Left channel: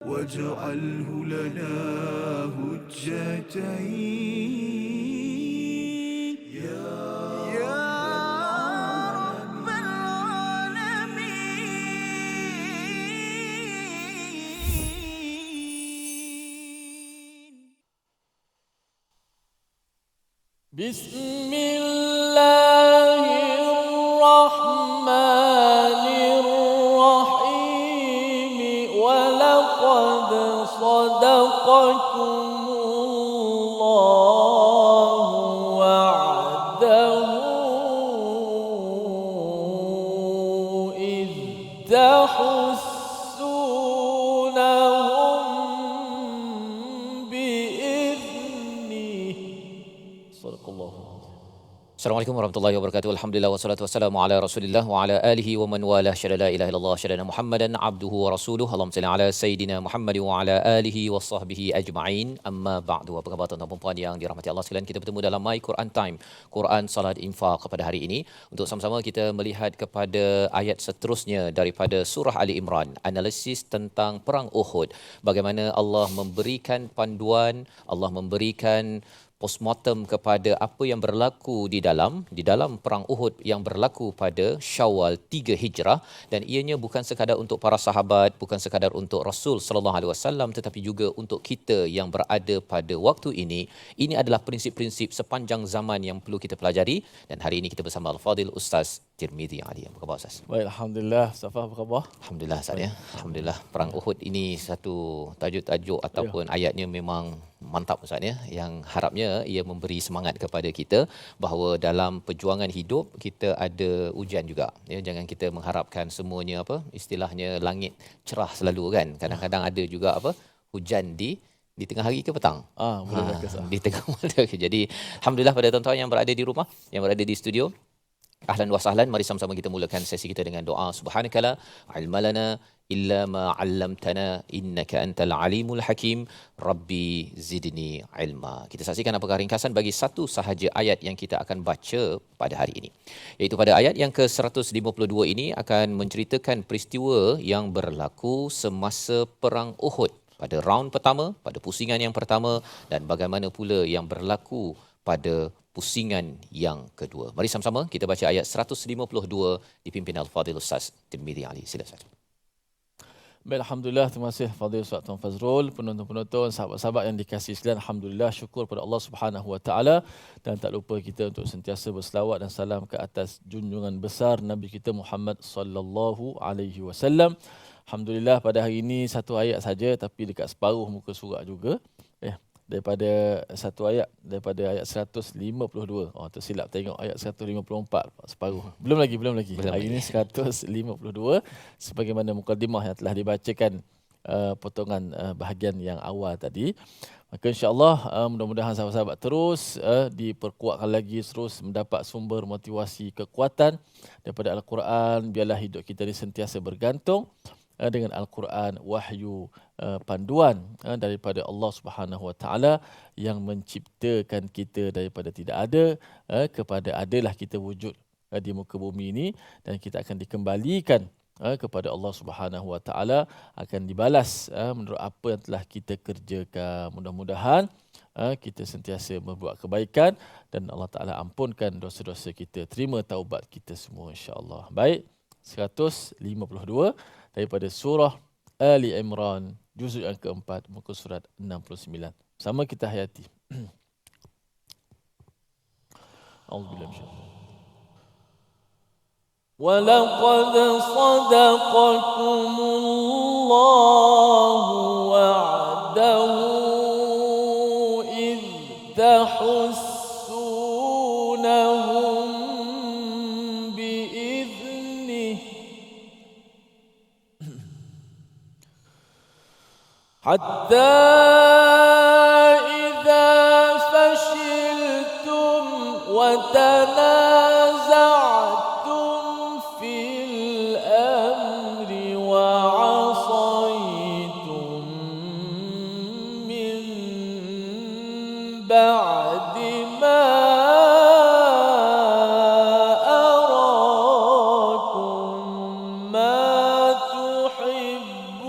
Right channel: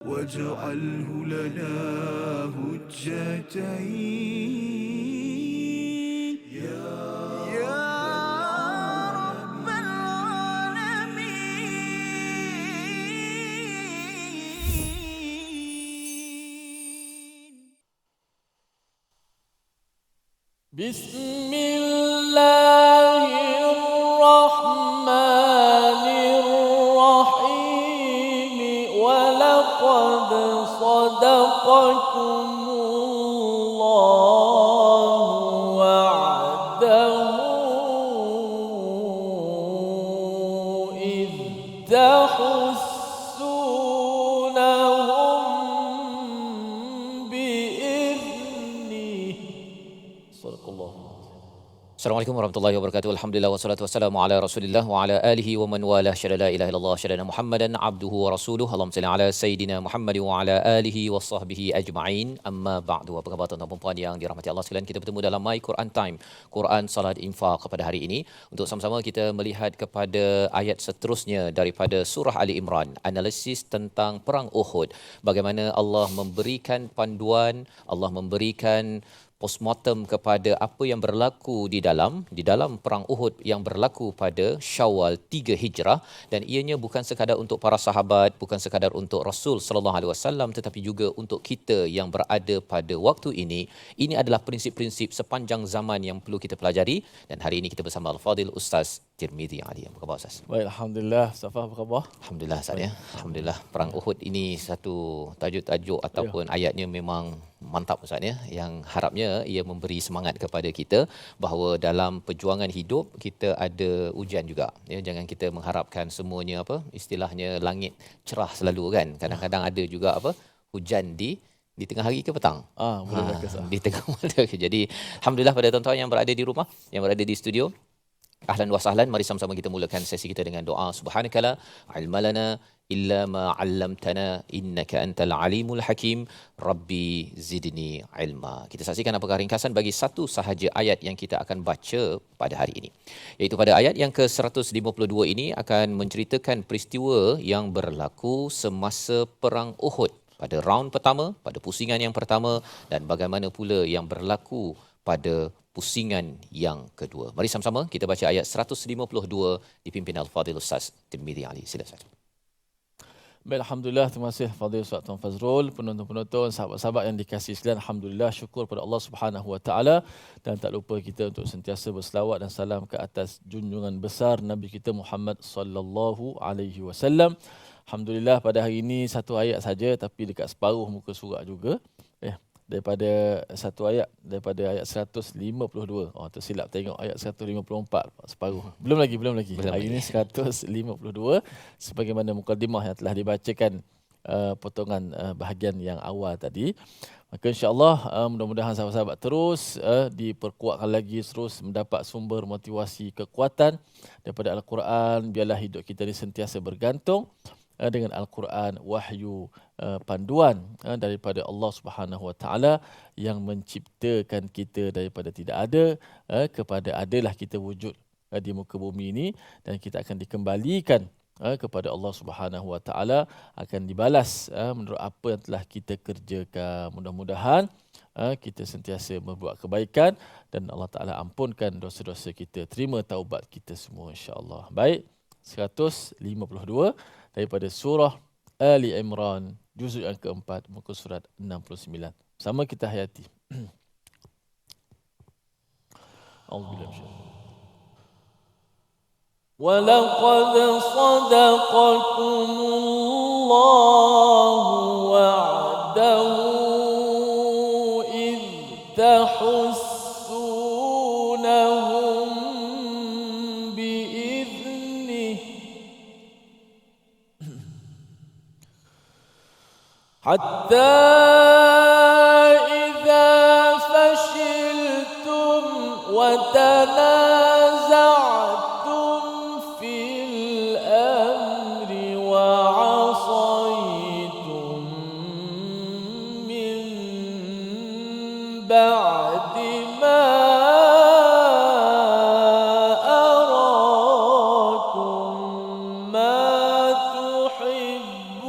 واجعله لنا هجتين يا رب العالمين. بسم الله الرحمن الرحيم ولقد صدقكم الله وعده إذ تحسونهم بإذنه صدق الله. Assalamualaikum warahmatullahi wabarakatuh. Alhamdulillah wassalatu wassalamu ala Rasulillah wa ala alihi wa man walah. Syada la ilaha illallah, syada Muhammadan abduhu wa rasuluhu. Allahumma salli ala sayidina Muhammad wa ala alihi wa sahbihi ajma'in. Amma ba'du. Apa khabar tuan-tuan dan puan yang dirahmati Allah sekalian? Kita bertemu dalam My Quran Time, Quran Salat Infaq pada hari ini untuk sama-sama kita melihat kepada ayat seterusnya daripada surah Ali Imran, analisis tentang perang Uhud. Bagaimana Allah memberikan panduan, Allah memberikan postmortem kepada apa yang berlaku di dalam perang Uhud yang berlaku pada Syawal 3 Hijrah, dan ianya bukan sekadar untuk para sahabat, bukan sekadar untuk Rasul sallallahu alaihi wasallam, tetapi juga untuk kita yang berada pada waktu ini. Ini adalah prinsip-prinsip sepanjang zaman yang perlu kita pelajari, dan hari ini kita bersama Al-Fadil Ustaz Tirmizi Ali. Apa khabar Ustaz? Baik, alhamdulillah. Safa, apa khabar? Alhamdulillah Ustaz ya. Alhamdulillah, perang Uhud ini satu tajuk-tajuk ataupun ayatnya memang mantap Ustaz ya, yang harapnya ia memberi semangat kepada kita bahawa dalam perjuangan hidup kita ada ujian juga ya. Jangan kita mengharapkan semuanya istilahnya langit cerah selalu kan. Kadang-kadang ada juga hujan di tengah hari ke petang. Boleh Di tengah malam. Jadi alhamdulillah pada tuan-tuan yang berada di rumah, yang berada di studio, ahlan wa sahlan. Mari sama-sama kita mulakan sesi kita dengan doa. Subhanakala ilmalana illa ma 'allamtana innaka antal alimul hakim. Rabbi zidni ilma. Kita saksikan apakah ringkasan bagi satu sahaja ayat yang kita akan baca pada hari ini. Iaitu pada ayat yang ke-152 ini akan menceritakan peristiwa yang berlaku semasa perang Uhud. Pada round pertama, pada pusingan yang pertama, dan bagaimana pula yang berlaku pada pusingan yang kedua. Mari sama-sama kita baca ayat 152 dipimpin Al-Fadhil Ustaz Tirmizi Ali. Silakan. Baik, alhamdulillah. Terima kasih Fadil Ustaz Tuan Fazrul, penonton-penonton, sahabat-sahabat yang dikasihi sekalian. Alhamdulillah, syukur pada Allah Subhanahu Wa Taala, dan tak lupa kita untuk sentiasa berselawat dan salam ke atas junjungan besar Nabi kita Muhammad sallallahu alaihi wasallam. Alhamdulillah, pada hari ini satu ayat saja tapi dekat separuh muka surat juga. Daripada satu ayat, daripada ayat 152. Tersilap tengok ayat 154, separuh. Belum lagi. Hari ini 152 sebagaimana mukadimah yang telah dibacakan potongan bahagian yang awal tadi. Maka insya-Allah mudah-mudahan sahabat-sahabat terus diperkuatkan lagi, terus mendapat sumber motivasi kekuatan daripada Al-Quran. Biarlah hidup kita ini sentiasa bergantung dengan Al-Quran, wahyu, panduan daripada Allah Subhanahu Wa Taala yang menciptakan kita daripada tidak ada kepada adalah kita wujud di muka bumi ini, dan kita akan dikembalikan kepada Allah Subhanahu Wa Taala, akan dibalas menurut apa yang telah kita kerjakan. Mudah-mudahan kita sentiasa membuat kebaikan dan Allah Taala ampunkan dosa-dosa kita, terima taubat kita semua insya-Allah. Baik, 152 daripada surah Ali Imran, juzuk yang keempat, muka surat 69. Sama kita hayati. Auzubillahi وَلَقَدْ صَدَقَكُمُ اللَّهُ وَعْدَهُ إِذْ تَحُسُّونَهُم بِإِذْنِهِ حَتَّى إِذَا فَشِلْتُمْ وَتَنَازَعْتُمْ فِي الْأَمْرِ وَعَصَيْتُمْ مِنْ بَعْدِ مَا أَرَاكُمْ مَا تُحِبُّونَ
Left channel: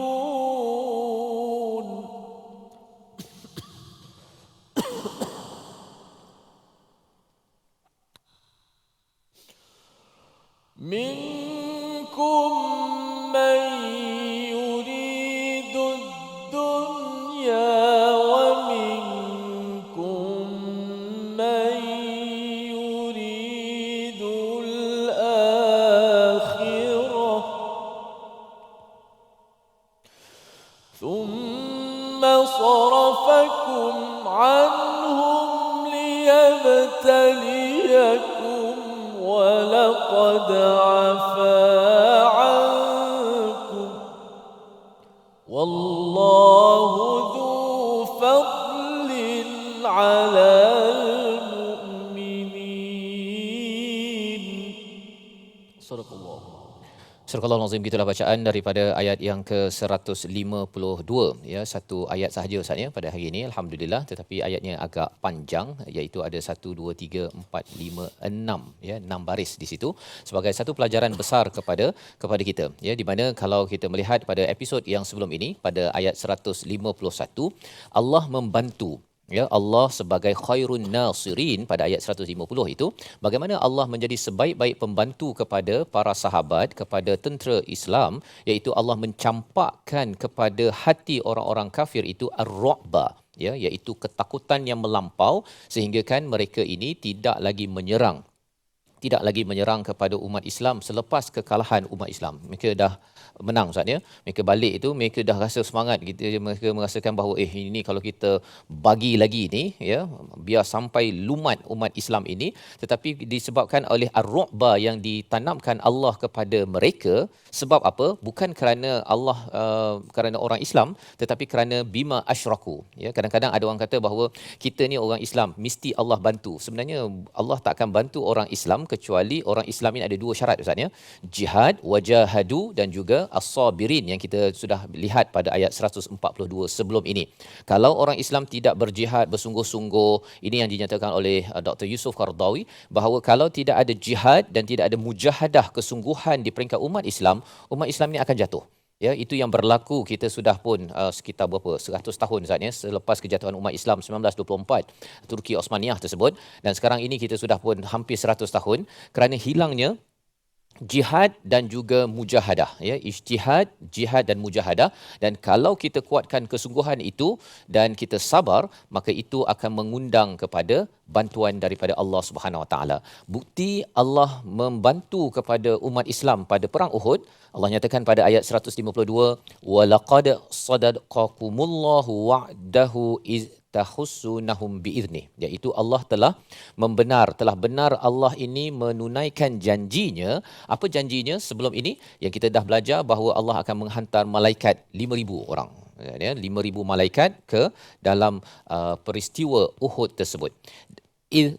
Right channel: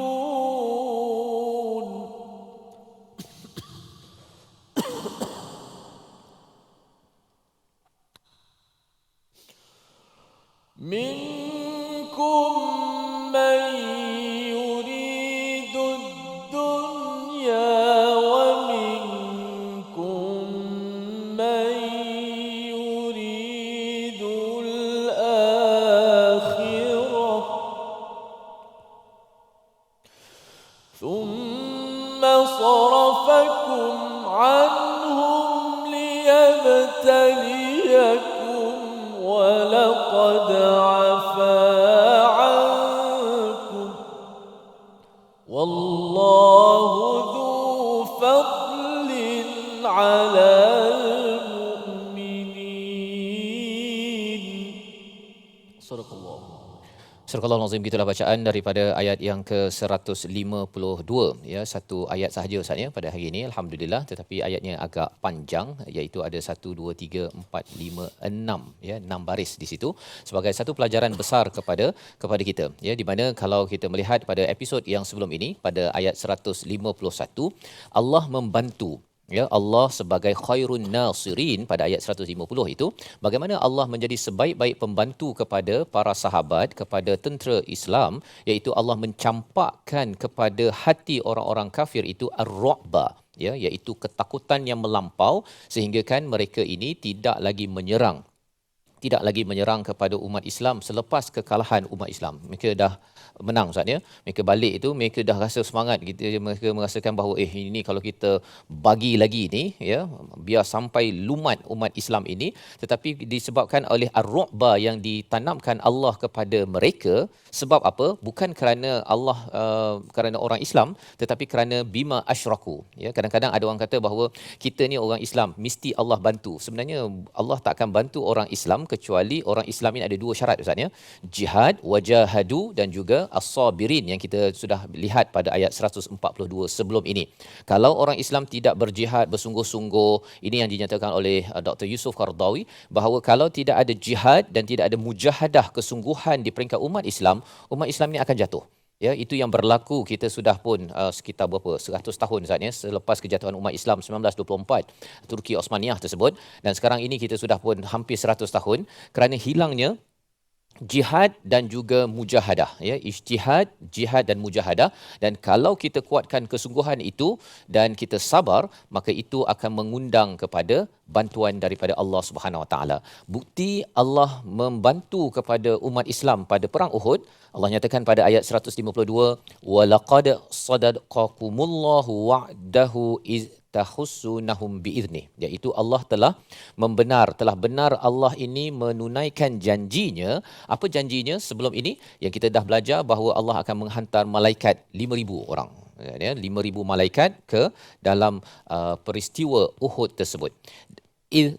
ثم صرفكم عنهم ليبتليكم ولقد عفا عنكم والله ذو فضل على المؤمنين. صدق الله. Surah Al-Azim, gitulah bacaan daripada ayat yang ke-152, ya, satu ayat sahaja Ustaz ya pada hari ini, alhamdulillah, tetapi ayatnya agak panjang, iaitu ada 1 2 3 4 5 6, ya, 6 baris di situ sebagai satu pelajaran besar kepada kita, ya, di mana kalau kita melihat pada episod yang sebelum ini pada ayat 151, Allah membantu, ya, Allah sebagai khairun nasirin pada ayat 150 itu, bagaimana Allah menjadi sebaik-baik pembantu kepada para sahabat, kepada tentera Islam, iaitu Allah mencampakkan kepada hati orang-orang kafir itu ar-ru'ba, ya, iaitu ketakutan yang melampau, sehingga kan mereka ini tidak lagi menyerang kepada umat Islam selepas kekalahan umat Islam. Mereka dah menang Ustaz ya. Mereka balik itu, mereka dah rasa semangat gitu, mereka merasakan bahawa ini kalau kita bagi lagi ni, ya, biar sampai lumat umat Islam ini, tetapi disebabkan oleh ar-ru'ba yang ditanamkan Allah kepada mereka. Sebab apa? Bukan kerana Allah kerana orang Islam, tetapi kerana bima asyraku, ya. Kadang-kadang ada orang kata bahawa kita ni orang Islam mesti Allah bantu. Sebenarnya Allah tak akan bantu orang Islam kecuali orang Islam ini ada dua syarat Ustaz ya. Jihad, wajahadu, dan juga as-sabirin yang kita sudah lihat pada ayat 142 sebelum ini. Kalau orang Islam tidak berjihad bersungguh-sungguh, ini yang dinyatakan oleh Dr. Yusuf Qaradawi, bahawa kalau tidak ada jihad dan tidak ada mujahadah kesungguhan di peringkat umat Islam ini akan jatuh. Ya, itu yang berlaku, kita sudah pun sekitar berapa 100 tahun Ustaz ya, selepas kejatuhan umat Islam 1924 Turki Osmaniyah tersebut, dan sekarang ini kita sudah pun hampir 100 tahun kerana hilangnya jihad dan juga mujahadah, ya, ijtihad, jihad dan mujahadah. Dan kalau kita kuatkan kesungguhan itu dan kita sabar, maka itu akan mengundang kepada bantuan daripada Allah Subhanahu Wa Taala. Bukti Allah membantu kepada umat Islam pada perang Uhud, Allah nyatakan pada ayat 152, walaqad sadaqakumullahu wa'dahu iz tahussunahum biizni, iaitu Allah telah benar Allah ini menunaikan janjinya. Apa janjinya sebelum ini yang kita dah belajar, bahawa Allah akan menghantar malaikat 5,000 orang, ya, 5,000 malaikat ke dalam peristiwa Uhud tersebut.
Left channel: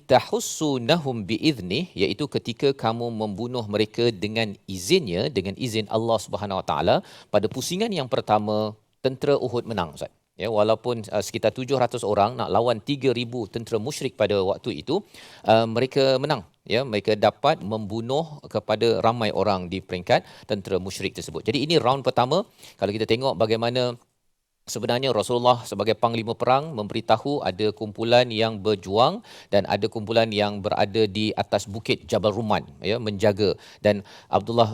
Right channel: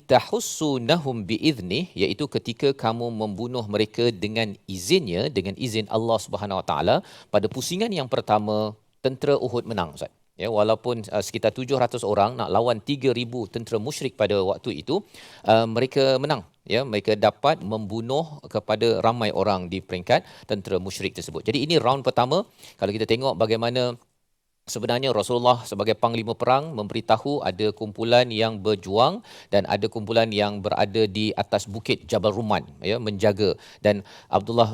Tahussunahum biizni, iaitu ketika kamu membunuh mereka dengan izinnya, dengan izin Allah Subhanahu Wa Taala. Pada pusingan yang pertama, tentera Uhud menang Ustaz. Ya, walaupun sekitar 700 orang nak lawan 3,000 tentera musyrik pada waktu itu, mereka menang. Ya, mereka dapat membunuh kepada ramai orang di peringkat tentera musyrik tersebut. Jadi ini round pertama. Kalau kita tengok bagaimana sebenarnya Rasulullah sebagai panglima perang memberitahu ada kumpulan yang berjuang dan ada kumpulan yang berada di atas bukit Jabal Rumman, ya, menjaga. Dan Abdullah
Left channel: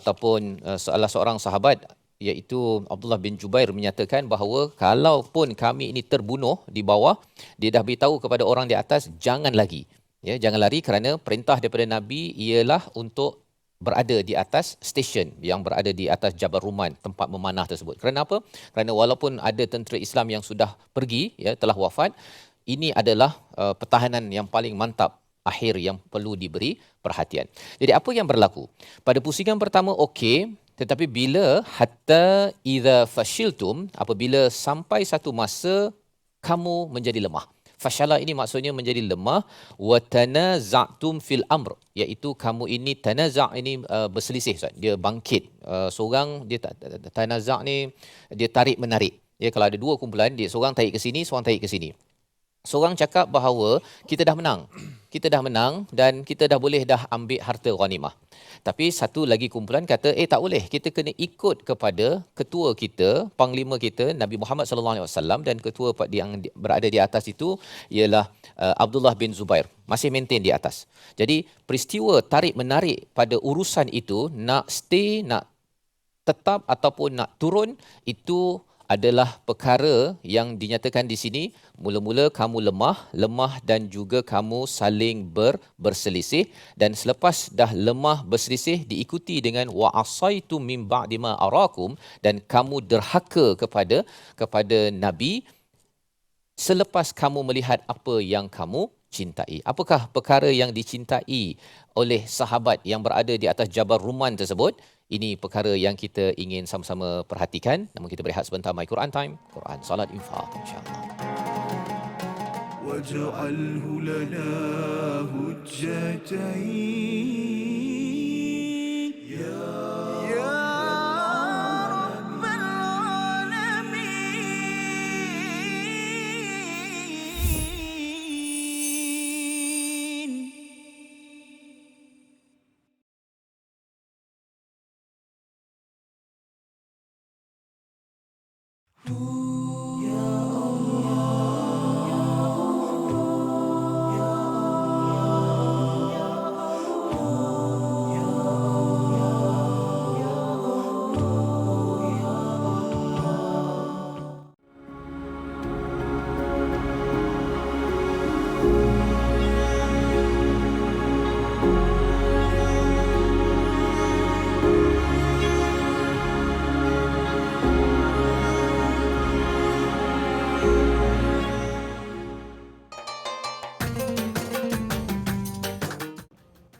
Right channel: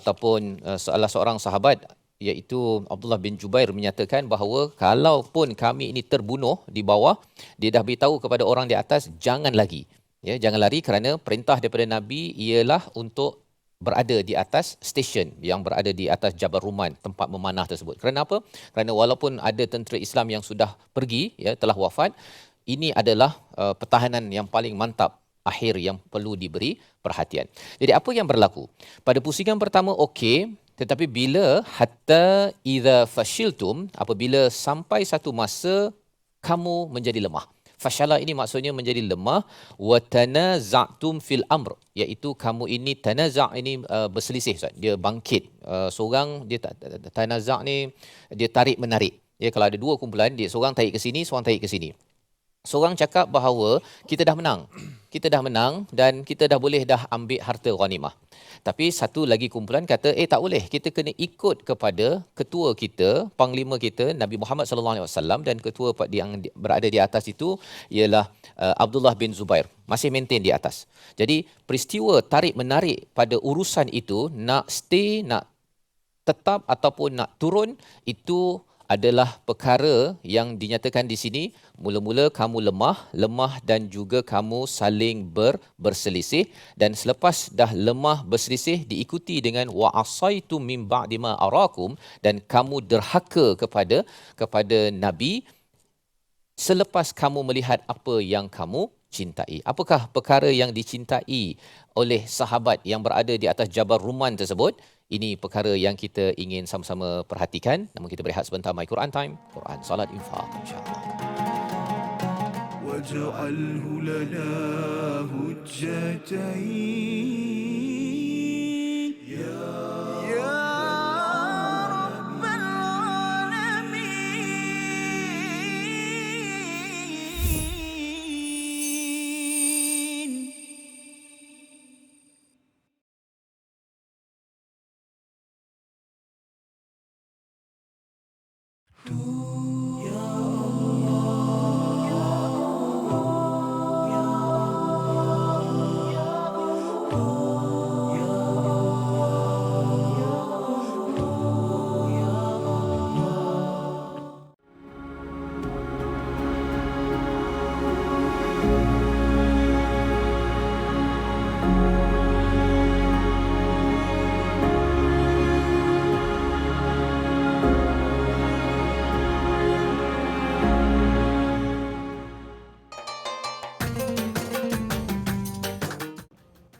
ataupun salah seorang sahabat, iaitu Abdullah bin Jubair, menyatakan bahawa kalaupun kami ini terbunuh di bawah, dia dah beritahu kepada orang di atas, jangan lagi, ya, jangan lari, kerana perintah daripada Nabi ialah untuk berada di atas stesen yang berada di atas Jabal Rumman, tempat memanah tersebut. Kerana apa? Kerana walaupun ada tentera Islam yang sudah pergi, ya, telah wafat, ini adalah pertahanan yang paling mantap akhir yang perlu diberi perhatian. Jadi apa yang berlaku? Pada pusingan pertama okey, tetapi bila hatta idza fashiltum, apabila sampai satu masa kamu menjadi lemah. Fashala ini maksudnya menjadi lemah, wa tanaza'tum fil amr, iaitu kamu ini tanaza' ini berselisih Ustaz. Dia bangkit, seorang dia tanaza' ni dia tarik menarik. Ya, kalau ada dua kumpulan, dia seorang tarik ke sini, seorang tarik ke sini. Seorang cakap bahawa kita dah menang dan kita dah boleh dah ambil harta ghanimah. Tapi satu lagi kumpulan kata, tak boleh, kita kena ikut kepada ketua kita, panglima kita Nabi Muhammad sallallahu alaihi wasallam, dan ketua yang berada di atas itu ialah Abdullah bin Zubair, masih maintain di atas. Jadi peristiwa tarik menarik pada urusan itu, nak stay, nak tetap ataupun nak turun, itu adalah perkara yang dinyatakan di sini. Mula-mula kamu lemah dan juga kamu saling berselisih, dan selepas dah lemah berselisih diikuti dengan wa asaitu min ba'di ma arakum, dan kamu derhaka kepada Nabi selepas kamu melihat apa yang kamu cintai. Apakah perkara yang dicintai oleh sahabat yang berada di atas Jabal Ruman tersebut? Ini perkara yang kita ingin sama-sama perhatikan. Namun kita berehat sebentar. My Quran Time, Quran, Salat, Infaq, insya-Allah. واجعله لنا هجتين يا رب العالمين.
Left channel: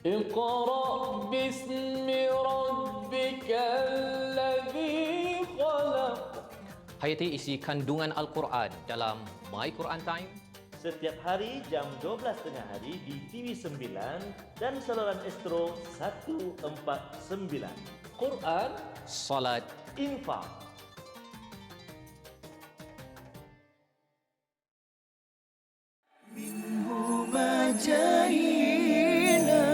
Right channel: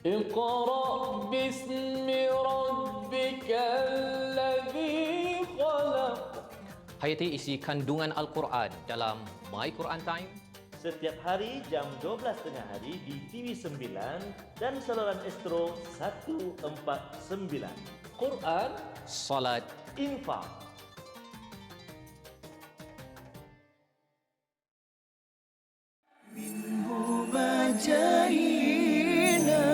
اقرأ باسم ربك الذي خلق. Hayati isi kandungan Al-Quran dalam My Quran Time. Setiap hari jam 12 tengah hari di TV9 dan saluran Astro 149. Quran, Salat, Infaq. منهما جاهينا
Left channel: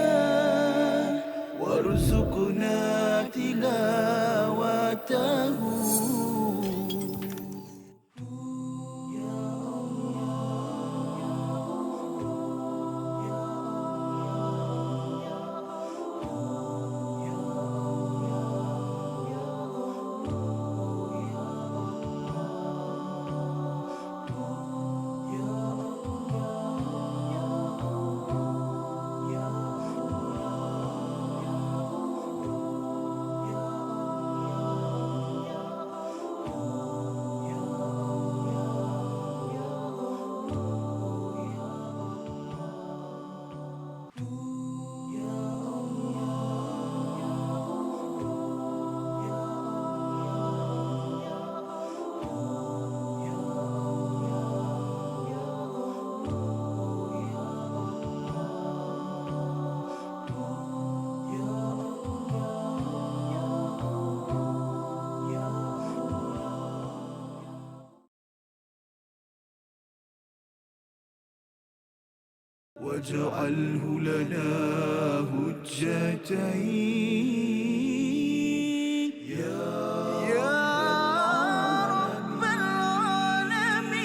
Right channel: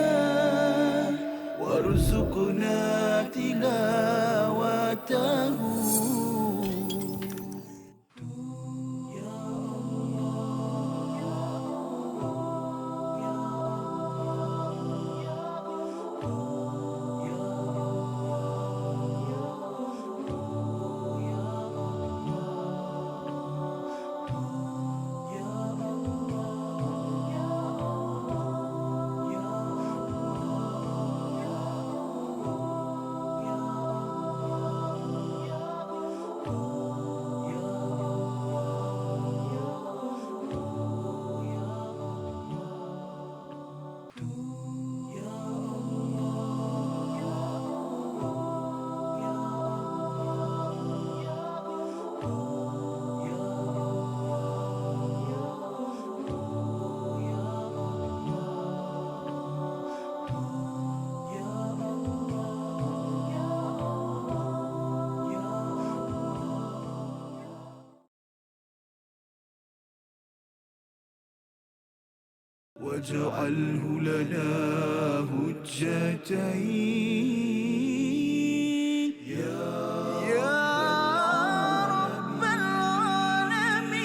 وارزقنا تلاوته. واجعله لنا هجتين يا رب العالمين.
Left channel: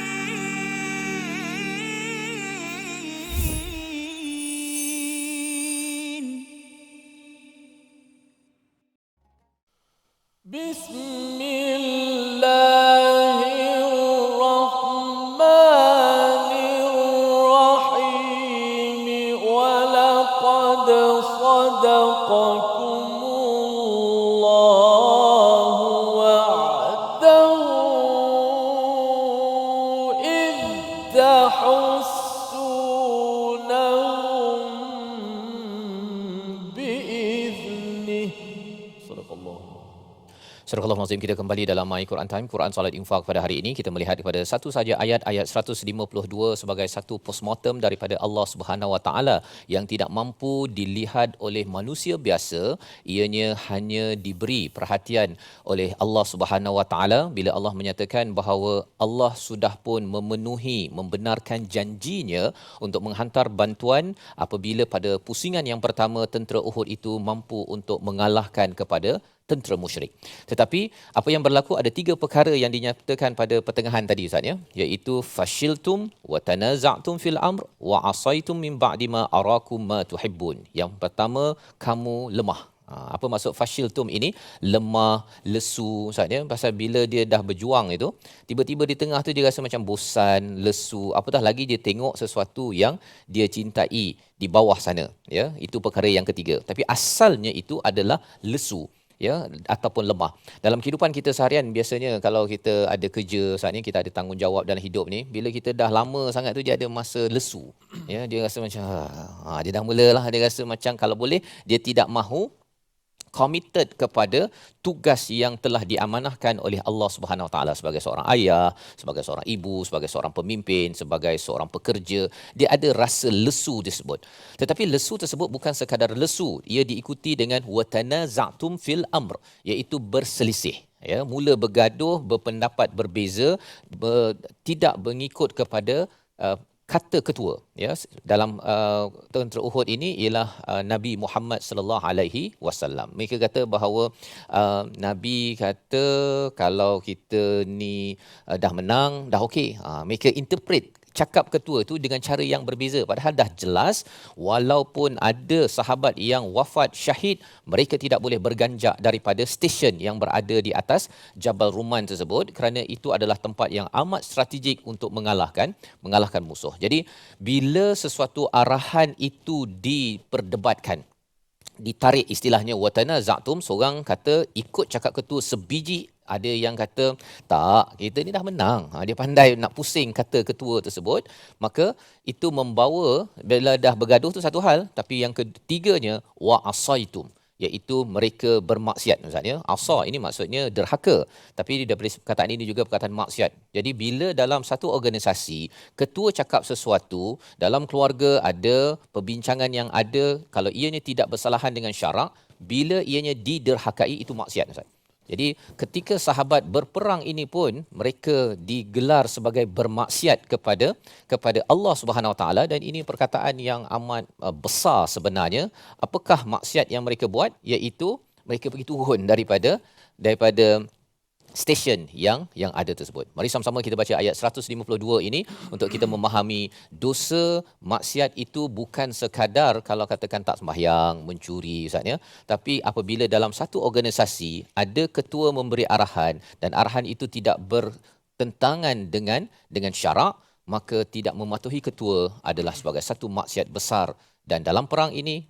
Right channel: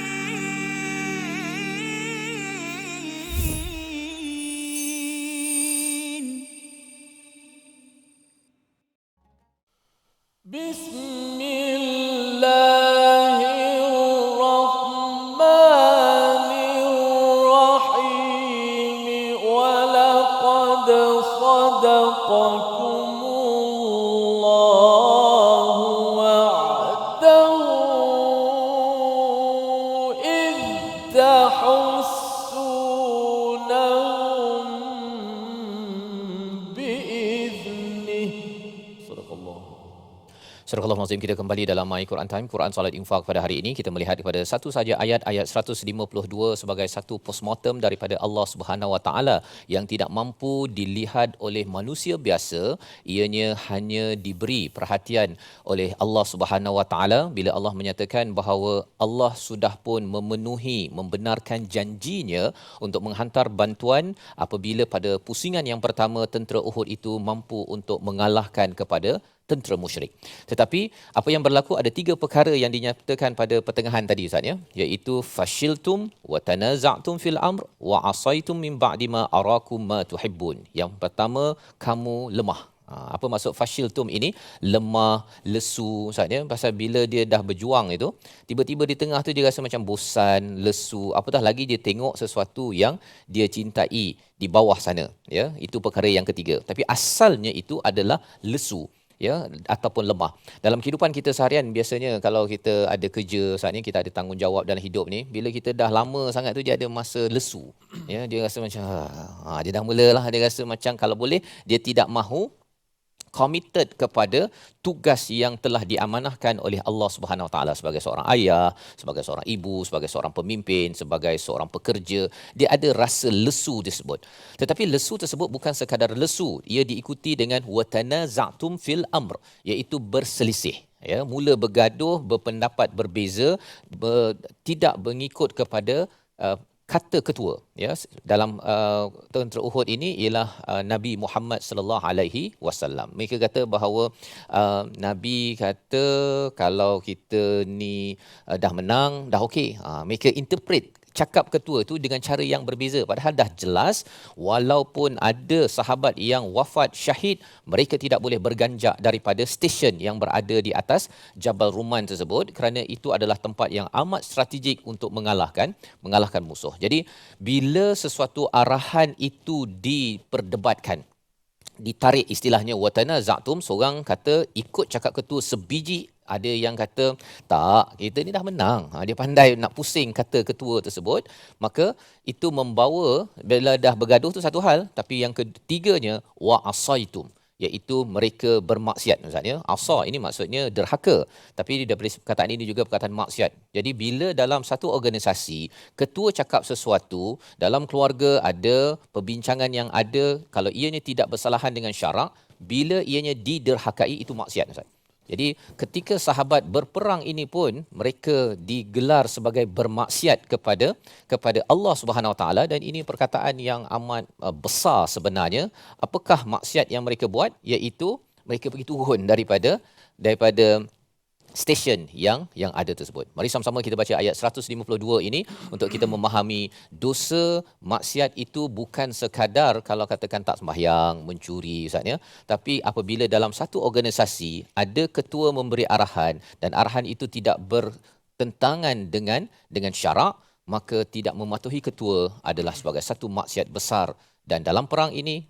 بسم الله الرحمن الرحيم. ولقد صدقكم الله وعده إذ تحسونهم بإذنه. صدق الله. Surah Al-Azim, kita kembali dalam My Quran Time, Quran, Salat, Infaq pada hari ini. Kita melihat kepada satu saja ayat 152 sebagai satu postmortem daripada Allah Subhanahu Wa Taala yang tidak mampu dilihat oleh manusia biasa. Ianya hanya diberi perhatian oleh Allah Subhanahu Wa Taala bila Allah menyatakan bahawa Allah sudah pun memenuhi, membenarkan janjinya untuk menghantar bantuan apabila pada pusingan yang pertama tentera Uhud itu mampu untuk mengalahkan kepada tentera musyrik. Tetapi apa yang berlaku, ada tiga perkara yang dinyatakan pada pertengahan tadi Ustaz ya, iaitu fashiltum wa tanaza'tum fil amr wa asaitum min ba'di ma arakum ma tuhibbun. Yang pertama, kamu lemah. Apa maksud fashiltum ini? Lemah, lesu, Ustaz ya. Pasal bila dia dah berjuang itu, tiba-tiba di tengah tu dia rasa macam bosan, lesu, apatah lagi dia tengok sesuatu yang dia cintai di bawah sana, ya. Itu perkara yang ketiga. Tapi asalnya itu adalah lesu, ya, ataupun lemah. Dalam kehidupan kita seharian biasanya kalau kita ada kerja, saatnya kita ada tanggungjawab dalam hidup ni, bila kita dah lama sangat tu dia ada masa lesu. Ya, dia rasa macam dia dah mulalah dia rasa macam kalau boleh dia tidak mahu committed kepada tugas yang telah diamanahkan oleh Allah Subhanahu Wa Taala sebagai seorang ayah, sebagai seorang ibu, sebagai seorang pemimpin, sebagai seorang pekerja. Dia ada rasa lesu tersebut. Tetapi lesu tersebut bukan sekadar lesu, ia diikuti dengan watanaza'tum fil amr, iaitu berselisih. Ya, mula bergaduh, berpendapat berbeza, tidak mengikut kepada kata ketua, ya. Dalam tentera Uhud ini ialah Nabi Muhammad sallallahu alaihi wasallam. Mereka kata bahawa Nabi kata kalau kita ni dah menang, dah okey. Mereka interpret cakap ketua itu dengan cara yang berbeza, padahal dah jelas walaupun ada sahabat yang wafat syahid, mereka tidak boleh berganjak daripada stesen yang berada di atas Jabal Ruman tersebut, kerana itu adalah tempat yang amat strategik untuk mengalahkan musuh. Jadi bila sesuatu arahan itu diperdebatkan, ditarik istilahnya watanaza'tum, seorang kata ikut cakap ketua sebiji, ada yang kata tak, kita ni dah menang. Dia pandai nak pusing kata ketua tersebut, maka itu membawa bila dah bergaduh tu satu hal, tapi yang ketiganya wa asaitum, iaitu mereka bermaksiat. Maksudnya asa ini maksudnya derhaka, tapi daripada perkataan ini juga perkataan maksiat. Jadi bila dalam satu organisasi ketua cakap sesuatu, dalam keluarga ada perbincangan yang ada, kalau ianya tidak bersalahan dengan syarak, bila ianya diderhakai, itu maksiat, Ustaz. Jadi ketika sahabat berperang ini pun mereka digelar sebagai bermaksiat kepada Allah Subhanahu Wa Taala, dan ini perkataan yang amat besar sebenarnya. Apakah maksiat yang mereka buat? Iaitu mereka pergi turun daripada stesen yang ada tersebut. Mari sama-sama kita baca ayat 152 ini untuk kita memahami dosa maksiat itu bukan sekadar kalau katakan tak sembahyang, mencuri, Ustaz ya, tapi apabila dalam satu organisasi ada ketua memberi arahan dan arahan itu tidak bertentangan dengan syarak, maka tidak mematuhi ketua adalah sebagai satu maksiat besar, dan dalam perang ini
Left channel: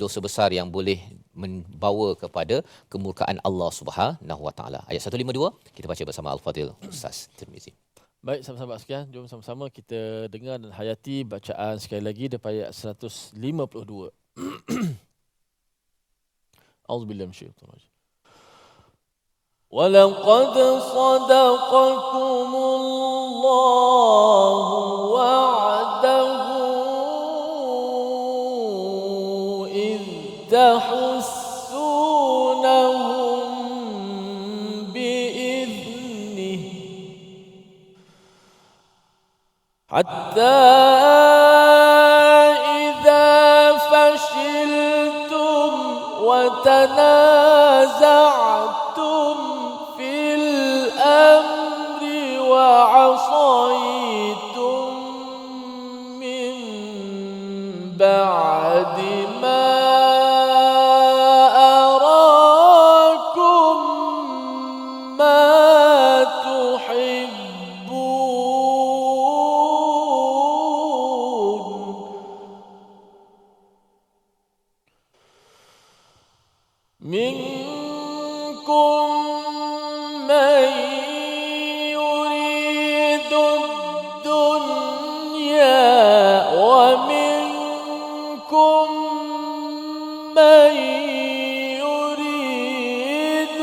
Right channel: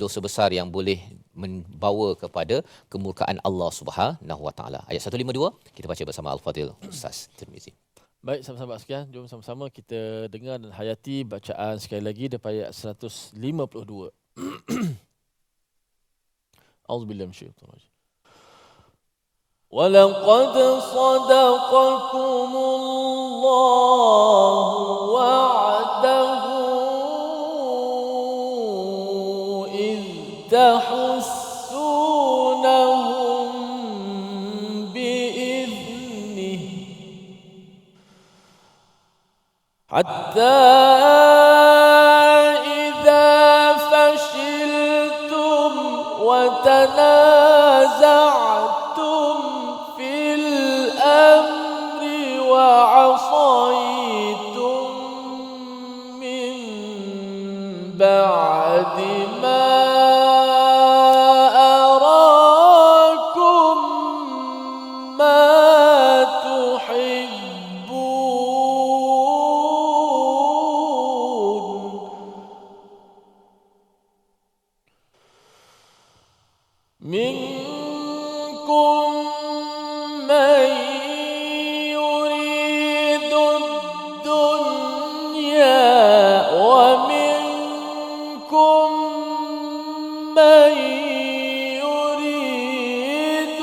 dosa besar yang boleh membawa kepada kemurkaan Allah Subhanahu Wa Taala. Ayat 152 kita baca bersama Al-Fadhil Ustaz Tirmizi. Baik, sahabat-sahabat sekalian, jom sama-sama kita dengar dan hayati bacaan sekali lagi daripada ayat 152. Auzubillahi minasyaitonir rajim. وَلَقَدْ صَدَقَكُمُ اللَّهُ وَعْدَهُ تحسونهم بإذنه حتى إذا فشلتم وتنازعتم في الأمر وعصيتم من بعد ما منكم من يريد الدنيا ومنكم من يريد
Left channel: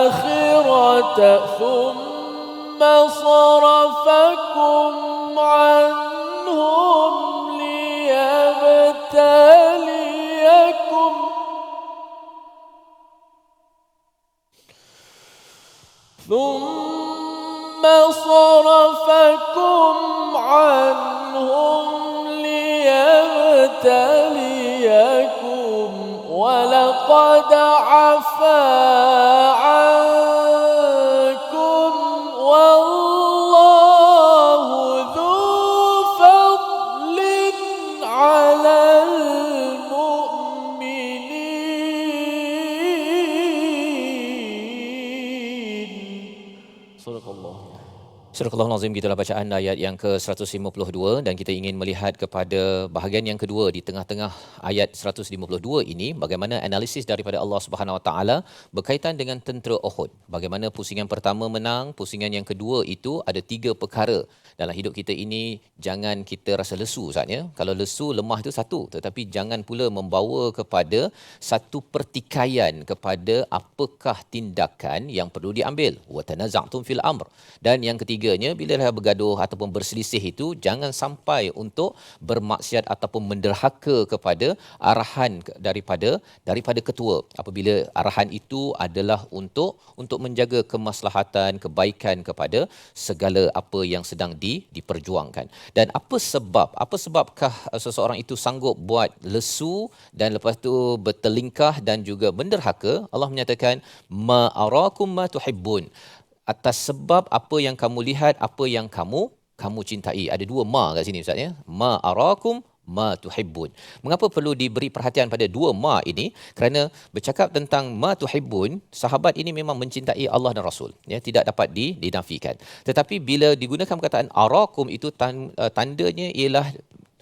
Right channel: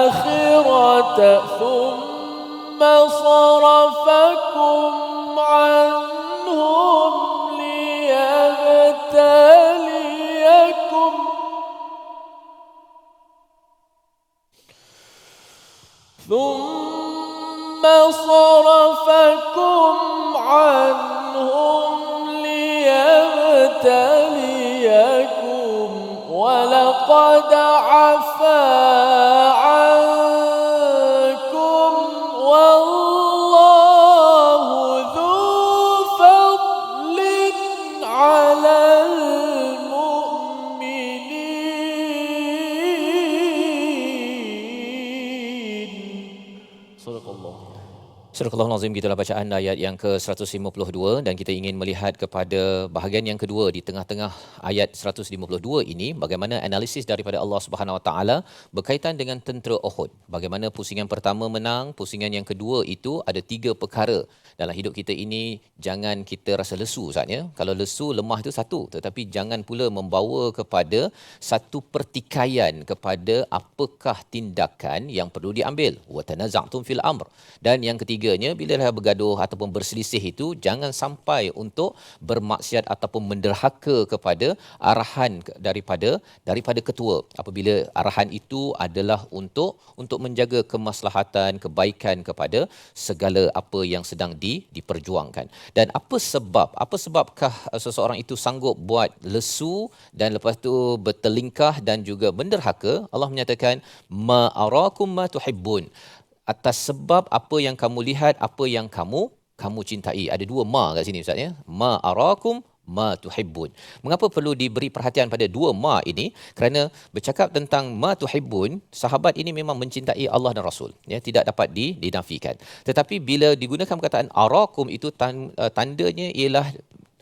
الآخرة ثم صرفكم عنهم ليبتليكم ولقد عفا عنكم والله ذو فضل على المؤمنين Sadaqallah. Surah Al-Azim, gitulah bacaan ayat yang ke-152 dan kita ingin melihat kepada bahagian yang kedua di tengah-tengah ayat 152 ini, bagaimana analisis daripada Allah Subhanahu Wa Taala berkaitan dengan tentera Uhud. Bagaimana pusingan pertama menang, pusingan yang kedua itu ada 3 perkara. Dalam hidup kita ini jangan kita rasa lesu saatnya. Kalau lesu, lemah itu satu, tetapi jangan pula membawa kepada satu pertikaian kepada apakah tindakan yang perlu diambil. Wa tanaza'tum fil amr. Dan yang ketiganya, bila dah bergaduh ataupun berselisih itu, jangan sampai untuk bermaksiat ataupun menderhaka kepada arahan daripada ketua. Apabila arahan itu adalah untuk menjaga kemaslahatan, kebaikan kepada segala apa yang sedang diperjuangkan. Dan sebabkah seseorang itu sanggup buat lesu dan lepas tu bertelingkah dan juga menderhaka? Allah menyatakan, ma arakum ma tuhibbun. Atas sebab apa yang kamu lihat, apa yang kamu cintai. Ada 2 ma kat sini Ustaz ya. Ma arakum ma tuhibbun. Mengapa perlu diberi perhatian pada 2 ma ini? Kerana bercakap tentang ma tuhibbun, sahabat ini memang mencintai Allah dan Rasul, ya, tidak dapat dinafikan. Tetapi bila digunakan perkataan arakum itu tandanya ialah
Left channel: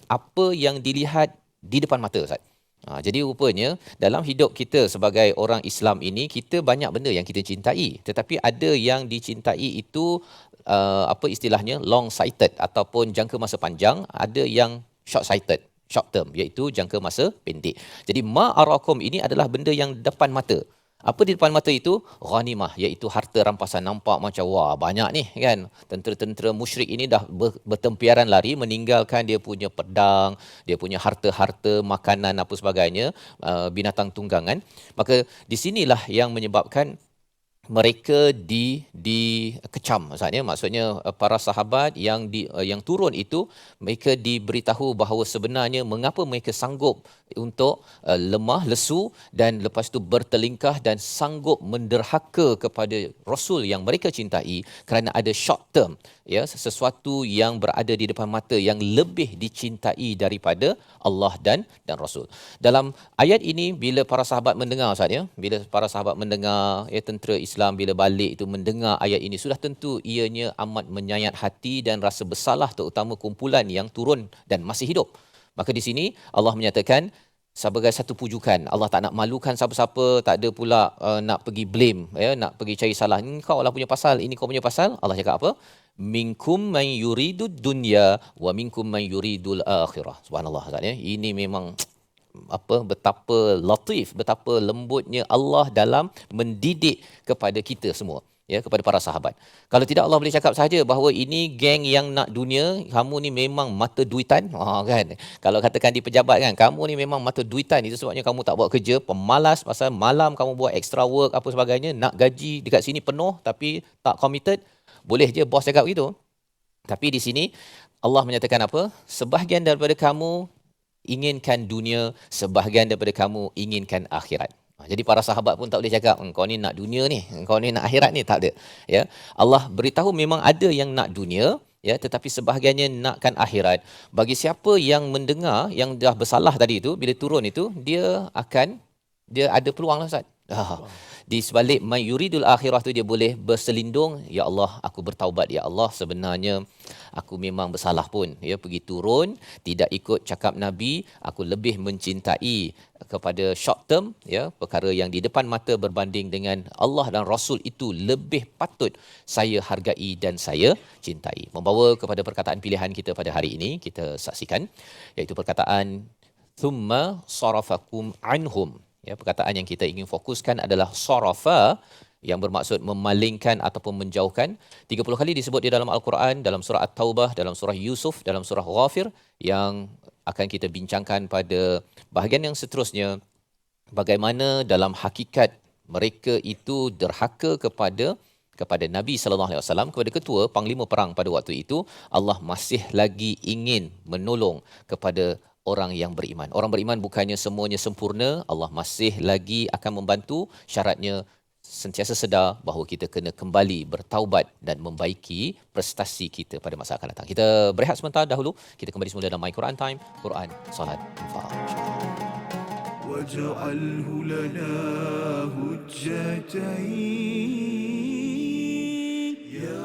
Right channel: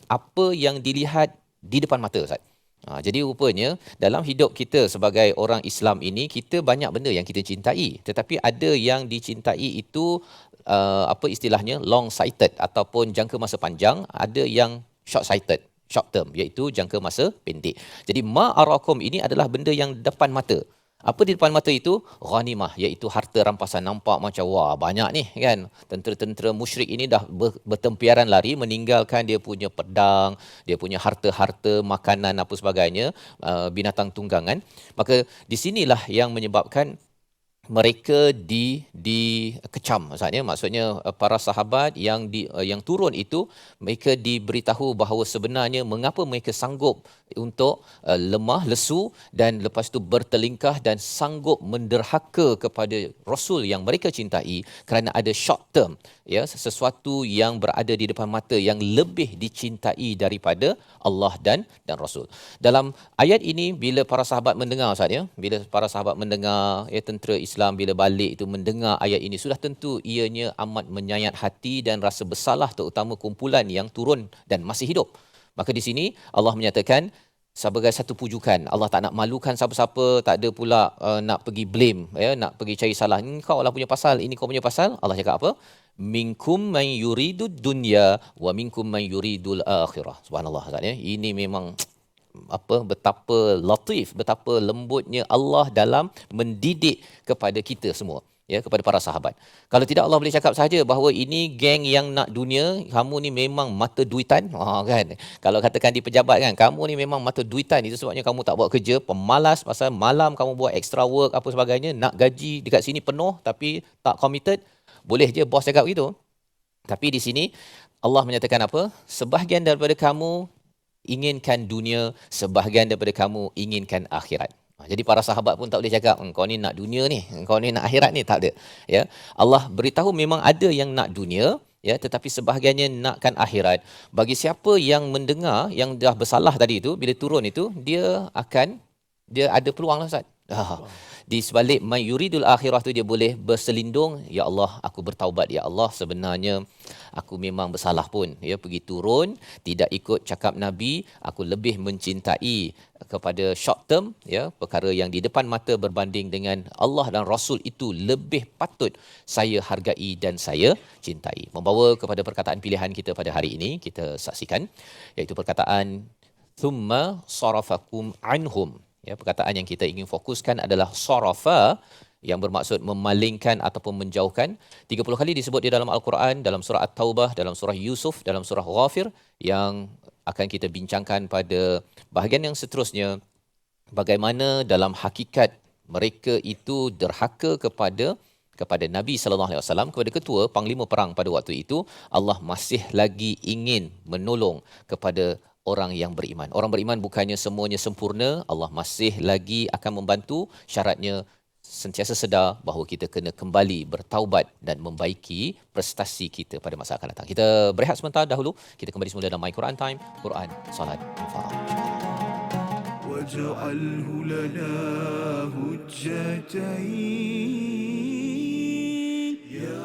apa yang dilihat di depan mata Ustaz. Jadi rupanya dalam hidup kita sebagai orang Islam ini, kita banyak benda yang kita cintai, tetapi ada yang dicintai itu apa istilahnya, long sighted ataupun jangka masa panjang, ada yang short sighted, short term, iaitu jangka masa pendek. Jadi ma arakum ini adalah benda yang depan mata. Apa di depan mata itu? Ghanimah, iaitu harta rampasan. Nampak macam wah banyak ni kan. Tentera-tentera musyrik ini dah bertempiaran lari, meninggalkan dia punya pedang, dia punya harta-harta, makanan apa sebagainya, binatang tunggangan. Maka di sinilah yang menyebabkan mereka dikecam maksudnya para sahabat yang turun itu, mereka diberitahu bahawa sebenarnya mengapa mereka sanggup untuk lemah lesu dan lepas tu bertelingkah dan sanggup menderhaka kepada Rasul yang mereka cintai, kerana ada short term, ya, sesuatu yang berada di depan mata yang lebih dicintai daripada Allah dan Rasul. Dalam ayat ini, bila para sahabat mendengar Ustaz ya, bila para sahabat mendengar, ya, tentera Islam bila balik itu mendengar ayat ini, sudah tentu ianya amat menyayat hati dan rasa bersalah, terutama kumpulan yang turun dan masih hidup. Maka di sini Allah menyatakan sebagai satu pujukan, Allah tak nak malukan siapa-siapa, tak ada pula nak pergi blame, ya, nak pergi cari salah. Kau lah punya pasal, ini kau punya pasal. Allah cakap apa? Minkum man yuridud dunya wa minkum man yuridul akhirah. Subhanallah, ya. Ini memang betapa latif, betapa lembutnya Allah dalam mendidik kepada kita semua, ya, kepada para sahabat. Kalau tidak, Allah boleh cakap saja bahawa ini geng yang nak dunia, kamu ni memang mata duitan, kan. Kalau katakan di pejabat kan, kamu ni memang mata duitan, itu sebabnya kamu tak buat kerja, pemalas, pasal malam kamu buat extra work apa sebagainya, nak gaji dekat sini penuh tapi tak committed. Boleh je bos cakap gitu. Tapi di sini Allah menyatakan apa? Sebahagian daripada kamu inginkan dunia, sebahagian daripada kamu inginkan akhirat. Jadi para sahabat pun tak boleh cakap engkau ni nak dunia ni, engkau ni nak akhirat ni, tak ada, ya. Allah beritahu memang ada yang nak dunia, ya, tetapi sebahagiannya nakkan akhirat. Bagi siapa yang mendengar, yang dah bersalah tadi itu, bila turun itu, dia ada peluang lah Ustaz. Di sebalik man yuridul akhirah tu, dia boleh berselindung, ya Allah, aku bertaubat, ya Allah, sebenarnya aku memang bersalah pun, ya, pergi turun tidak ikut cakap Nabi, aku lebih mencintai kepada short term, ya, perkara yang di depan mata berbanding dengan Allah dan Rasul, itu lebih patut saya hargai dan saya cintai. Membawa kepada perkataan pilihan kita pada hari ini, kita saksikan, iaitu perkataan thumma sarafakum anhum. Ya, perkataan yang kita ingin fokuskan adalah sarafa, yang bermaksud memalingkan ataupun menjauhkan. 30 kali disebut di dalam Al-Quran, dalam surah At-Taubah, dalam surah Yusuf, dalam surah Ghafir, yang akan kita bincangkan pada bahagian yang seterusnya. Bagaimana dalam hakikat mereka itu derhaka kepada Nabi SAW, kepada ketua panglima perang pada waktu itu. Allah masih lagi ingin menolong kepada orang yang beriman. Orang beriman bukannya semuanya sempurna, Allah masih lagi akan membantu. Syaratnya sentiasa sedar bahawa kita kena kembali bertaubat dan membaiki prestasi kita pada masa akan datang. Kita berehat sebentar dahulu. Kita kembali semula dalam My Quran Time, Quran, Salat, Infaq. واجعله لنا هجتين يا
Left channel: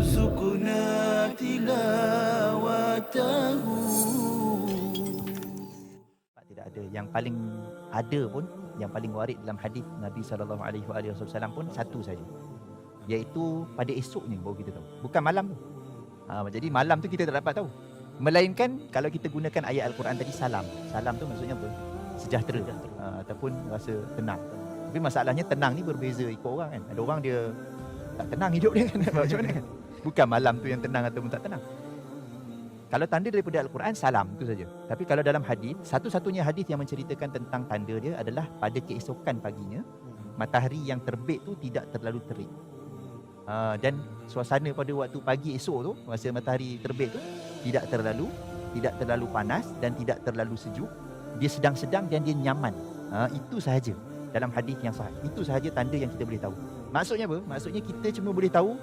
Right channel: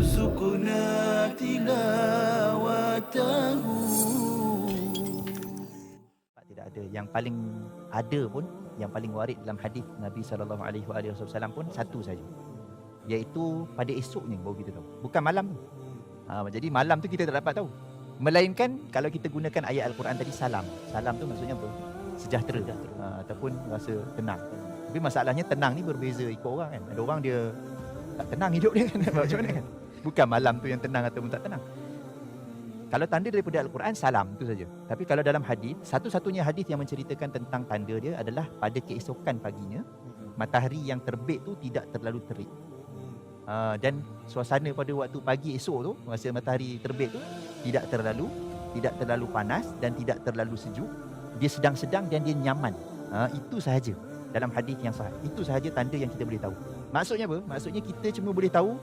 وارزقنا تلاوته. Tidak ada. Yang paling ada pun, yang paling warid dalam hadis Nabi SAW pun satu saja, iaitu pada esoknya baru kita tahu, bukan malam tu. Jadi malam tu kita tak dapat tahu, melainkan kalau kita gunakan ayat Al-Quran tadi, salam tu maksudnya apa? Sejahtera. Ataupun rasa tenang. Tapi masalahnya tenang ni berbeza ikut orang kan. Ada orang dia tak tenang hidup dia kan. Macam mana kan? Bukan malam tu yang tenang ataupun tak tenang. Kalau tanda daripada Al-Quran, salam tu saja. Tapi kalau dalam hadis, satu-satunya hadis yang menceritakan tentang tanda dia adalah pada keesokan paginya, matahari yang terbit tu tidak terlalu terik. Dan suasana pada waktu pagi esok tu, masa matahari terbit tu, tidak terlalu panas dan tidak terlalu sejuk. Dia sedang-sedang dan dia nyaman. Itu sahaja dalam hadis yang sahih. Itu sahaja tanda yang kita boleh tahu. Maksudnya apa? Maksudnya kita cuma boleh tahu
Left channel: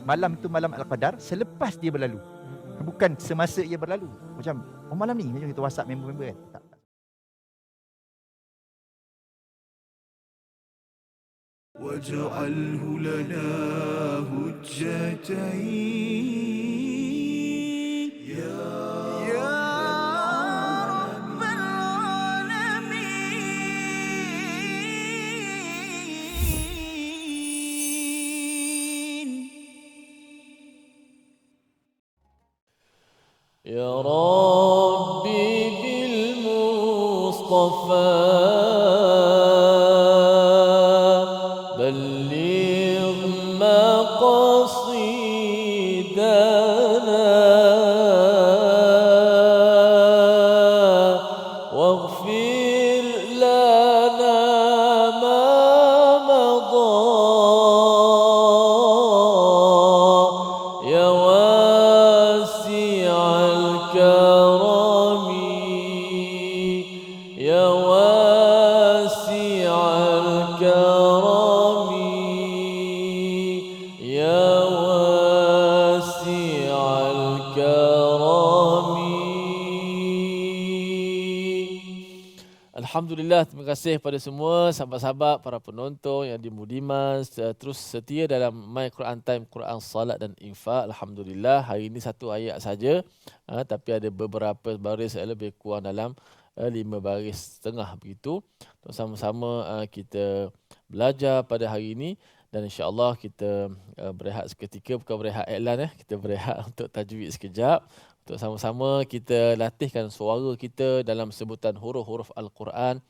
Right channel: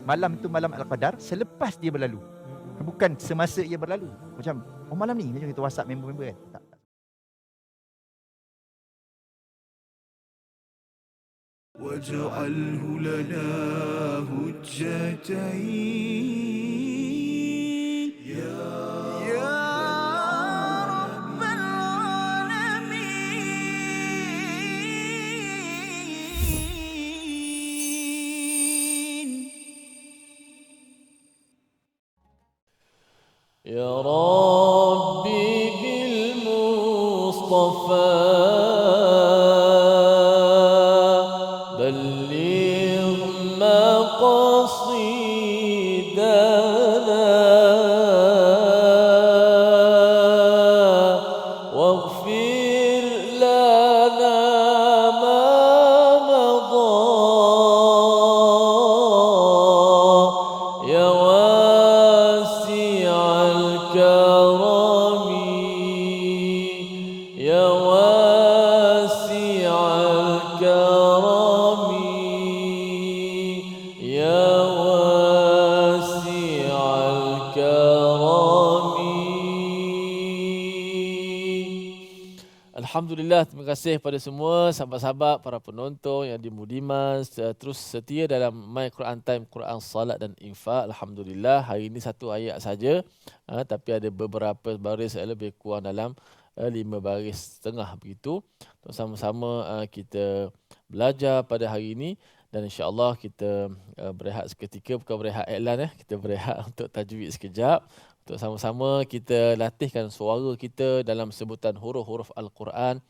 malam tu malam Al-Qadar selepas dia berlalu. Bukan semasa ia berlalu. Macam, malam ni macam kita WhatsApp member-member kan. Tak. واجعله لنا هجتين يا رب العالمين. يا ربي بالمصطفى بلغ مقاصدنا واغفر لنا ما مضى يا واسع الكرم يا واسع الكرم يا واسع الكرم. Alhamdulillah, terima kasih pada semua sahabat-sahabat, para penonton yang dimudiman terus setia dalam My Quran Time, Quran Salat dan Infak. Alhamdulillah, hari ini satu ayat saja, tapi ada beberapa baris, lebih kurang dalam 5 baris setengah begitu. Sama-sama kita belajar pada hari ini dan insya-Allah kita berehat seketika, bukan berehat iklan, kita berehat untuk tajwid sekejap. Untuk sama-sama kita latihkan suara kita dalam sebutan huruf-huruf Al-Quran.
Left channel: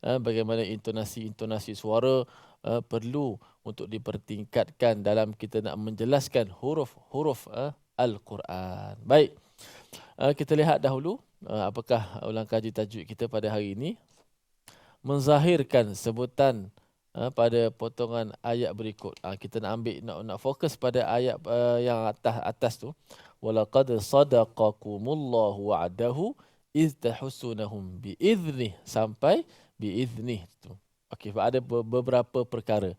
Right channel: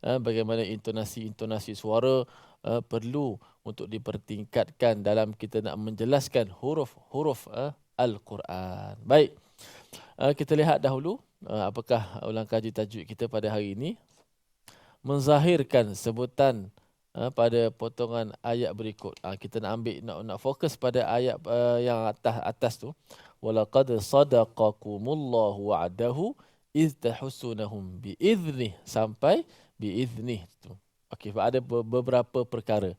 Bagaimana intonasi suara perlu untuk dipertingkatkan dalam kita nak menjelaskan huruf-huruf Al-Quran. Baik, kita lihat dahulu apakah ulang kaji tajwid kita pada hari ini. Menzahirkan sebutan pada potongan ayat berikut. Kita nak ambil, nak fokus pada ayat yang atas tu. Walaqad sadaqakumullahu wa'adahu iz tahussunahum biiznih, sampai biiznih tu. Okey, ada beberapa perkara.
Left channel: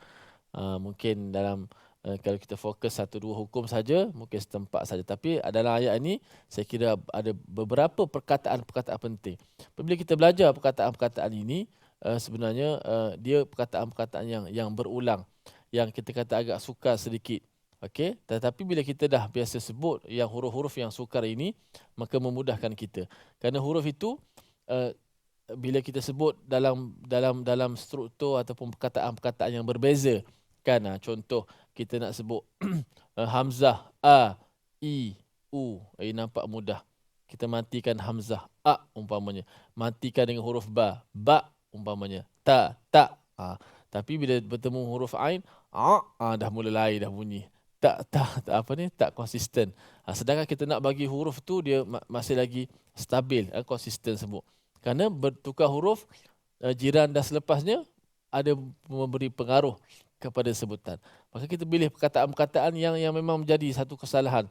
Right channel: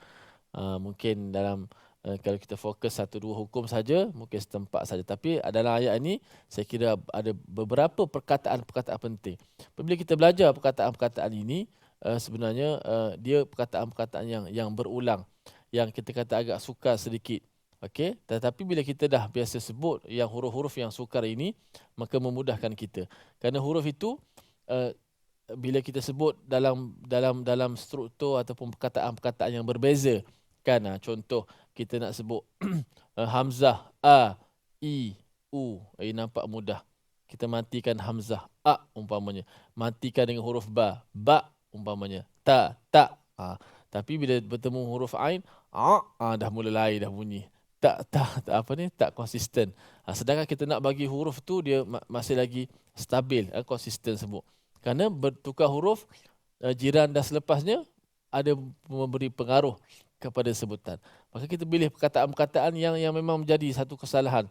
Mungkin dalam kalau kita fokus 1-2 hukum saja, mungkin setempat saja. Tapi dalam ayat ini saya kira ada beberapa perkataan-perkataan penting. Bila kita belajar perkataan-perkataan ini, sebenarnya dia perkataan-perkataan yang berulang, yang kita kata agak sukar sedikit. Okey, tetapi bila kita dah biasa sebut yang huruf-huruf yang sukar ini, maka memudahkan kita. Kerana huruf itu bila kita sebut dalam struktur ataupun perkataan-perkataan yang berbeza, kan? Contoh kita nak sebut hamzah a, i, u, nampak mudah. Kita matikan hamzah a umpamanya, matikan dengan huruf ba umpamanya, ta. Tapi bila bertemu huruf ain, dah mula lain dah bunyi. Tak konsisten. Sedangkan kita nak bagi huruf tu dia masih lagi stabil, konsisten sebut. Kerana bertukar huruf, jiran dah selepasnya ada memberi pengaruh kepada sebutan. Maka kita pilih perkataan-perkataan yang memang menjadi satu kesalahan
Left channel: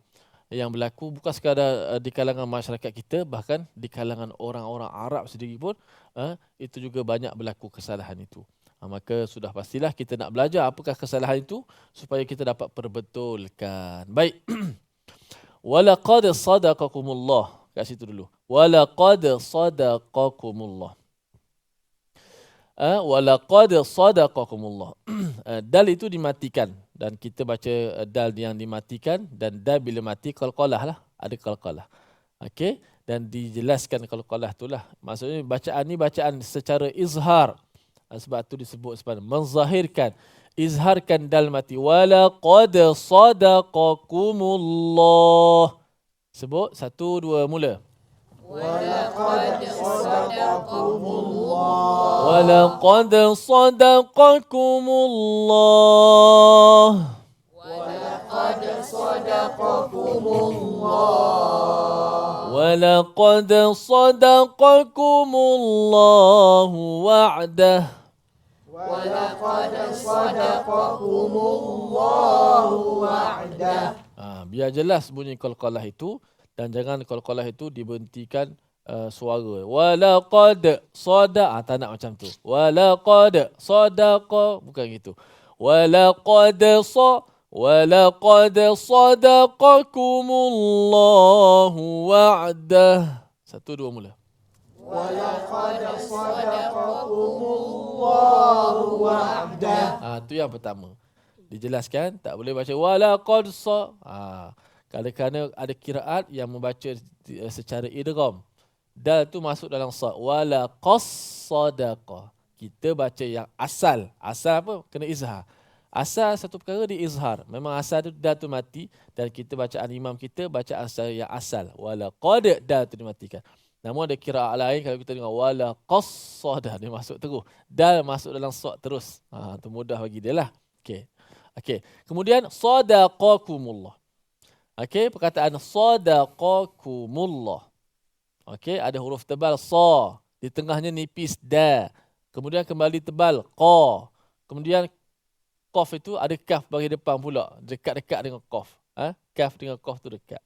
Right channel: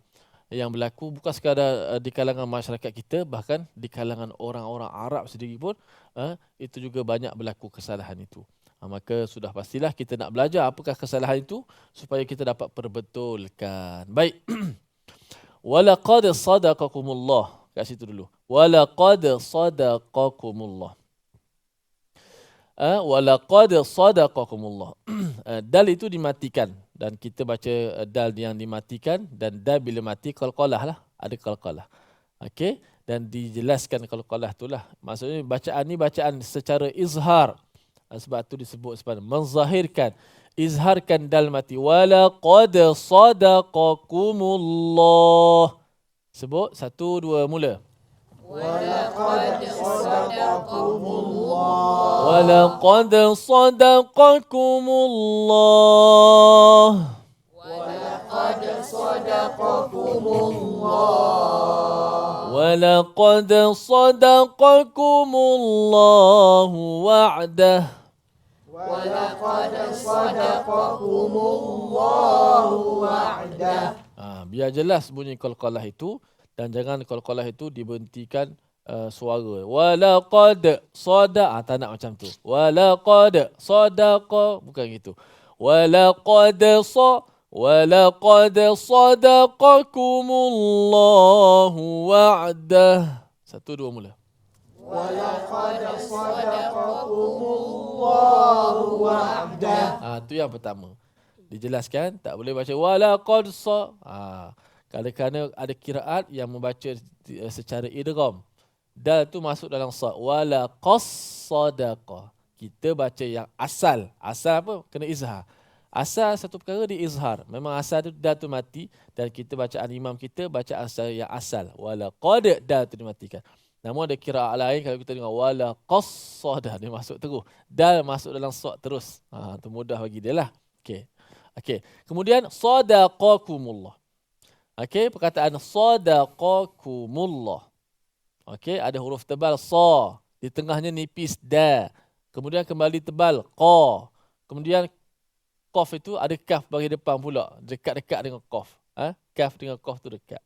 yang berlaku bukan sekadar di kalangan masyarakat kita, bahkan di kalangan orang-orang Arab sendiri pun itu juga banyak berlaku kesalahan itu. Maka sudah pastilah kita nak belajar apakah kesalahan itu supaya kita dapat perbetulkan. Baik. Walaqad sadaqakumullah. Kat situ dulu. Walaqad sadaqakumullah. Walaqad sadaqakumullah. Dal itu dimatikan dan kita baca dal yang dimatikan, dan dal bila mati qalqalah lah, ada qalqalah. Okey, dan dijelaskan qalqalah itulah. Maksudnya bacaan ni bacaan secara izhar. Sebab tu disebut sebagai menzahirkan, izharkan dal mati. Walaqad sadaqakumullah. Sebut 1 2 mula. Walaqad sadaqakumullah. Walaqad sadaqakumullahu wa'dah. Biar jelas bunyi qalqalah itu, dan jangan qalqalah itu dibentikan suara. Walaqad sada, tak nak macam tu. Walaqad sadaqa, bukan gitu. Walaqad sadaqakumullahu wa'dah. 1 2 mula. Tu yang pertama. Dijelaskan, tak boleh baca walaqad kerana ada kiraat yang membaca secara idgham. Dal tu masuk dalam sa. Walaqas sadaqa. Kita baca yang asal. Asal apa? Kena izhar. Asal satu perkara di izhar. Memang asal tu dal tu mati, dan kita bacaan imam kita baca asal yang asal. Walaqad, dal tu dimatikan. Namun ada kiraat lain, kalau kita dengar walaqas sada, dia masuk terus. Dal masuk dalam sa terus. Tu mudah bagi dia lah. Okey. Kemudian sadaqakumullah. Okey, perkataan sadaqakumullah. Okey, ada huruf tebal sa, di tengahnya nipis da. Kemudian kembali tebal qa. Kemudian qaf itu ada kaf bagi depan pula, dekat-dekat dengan qaf. Kaf dengan qaf tu dekat.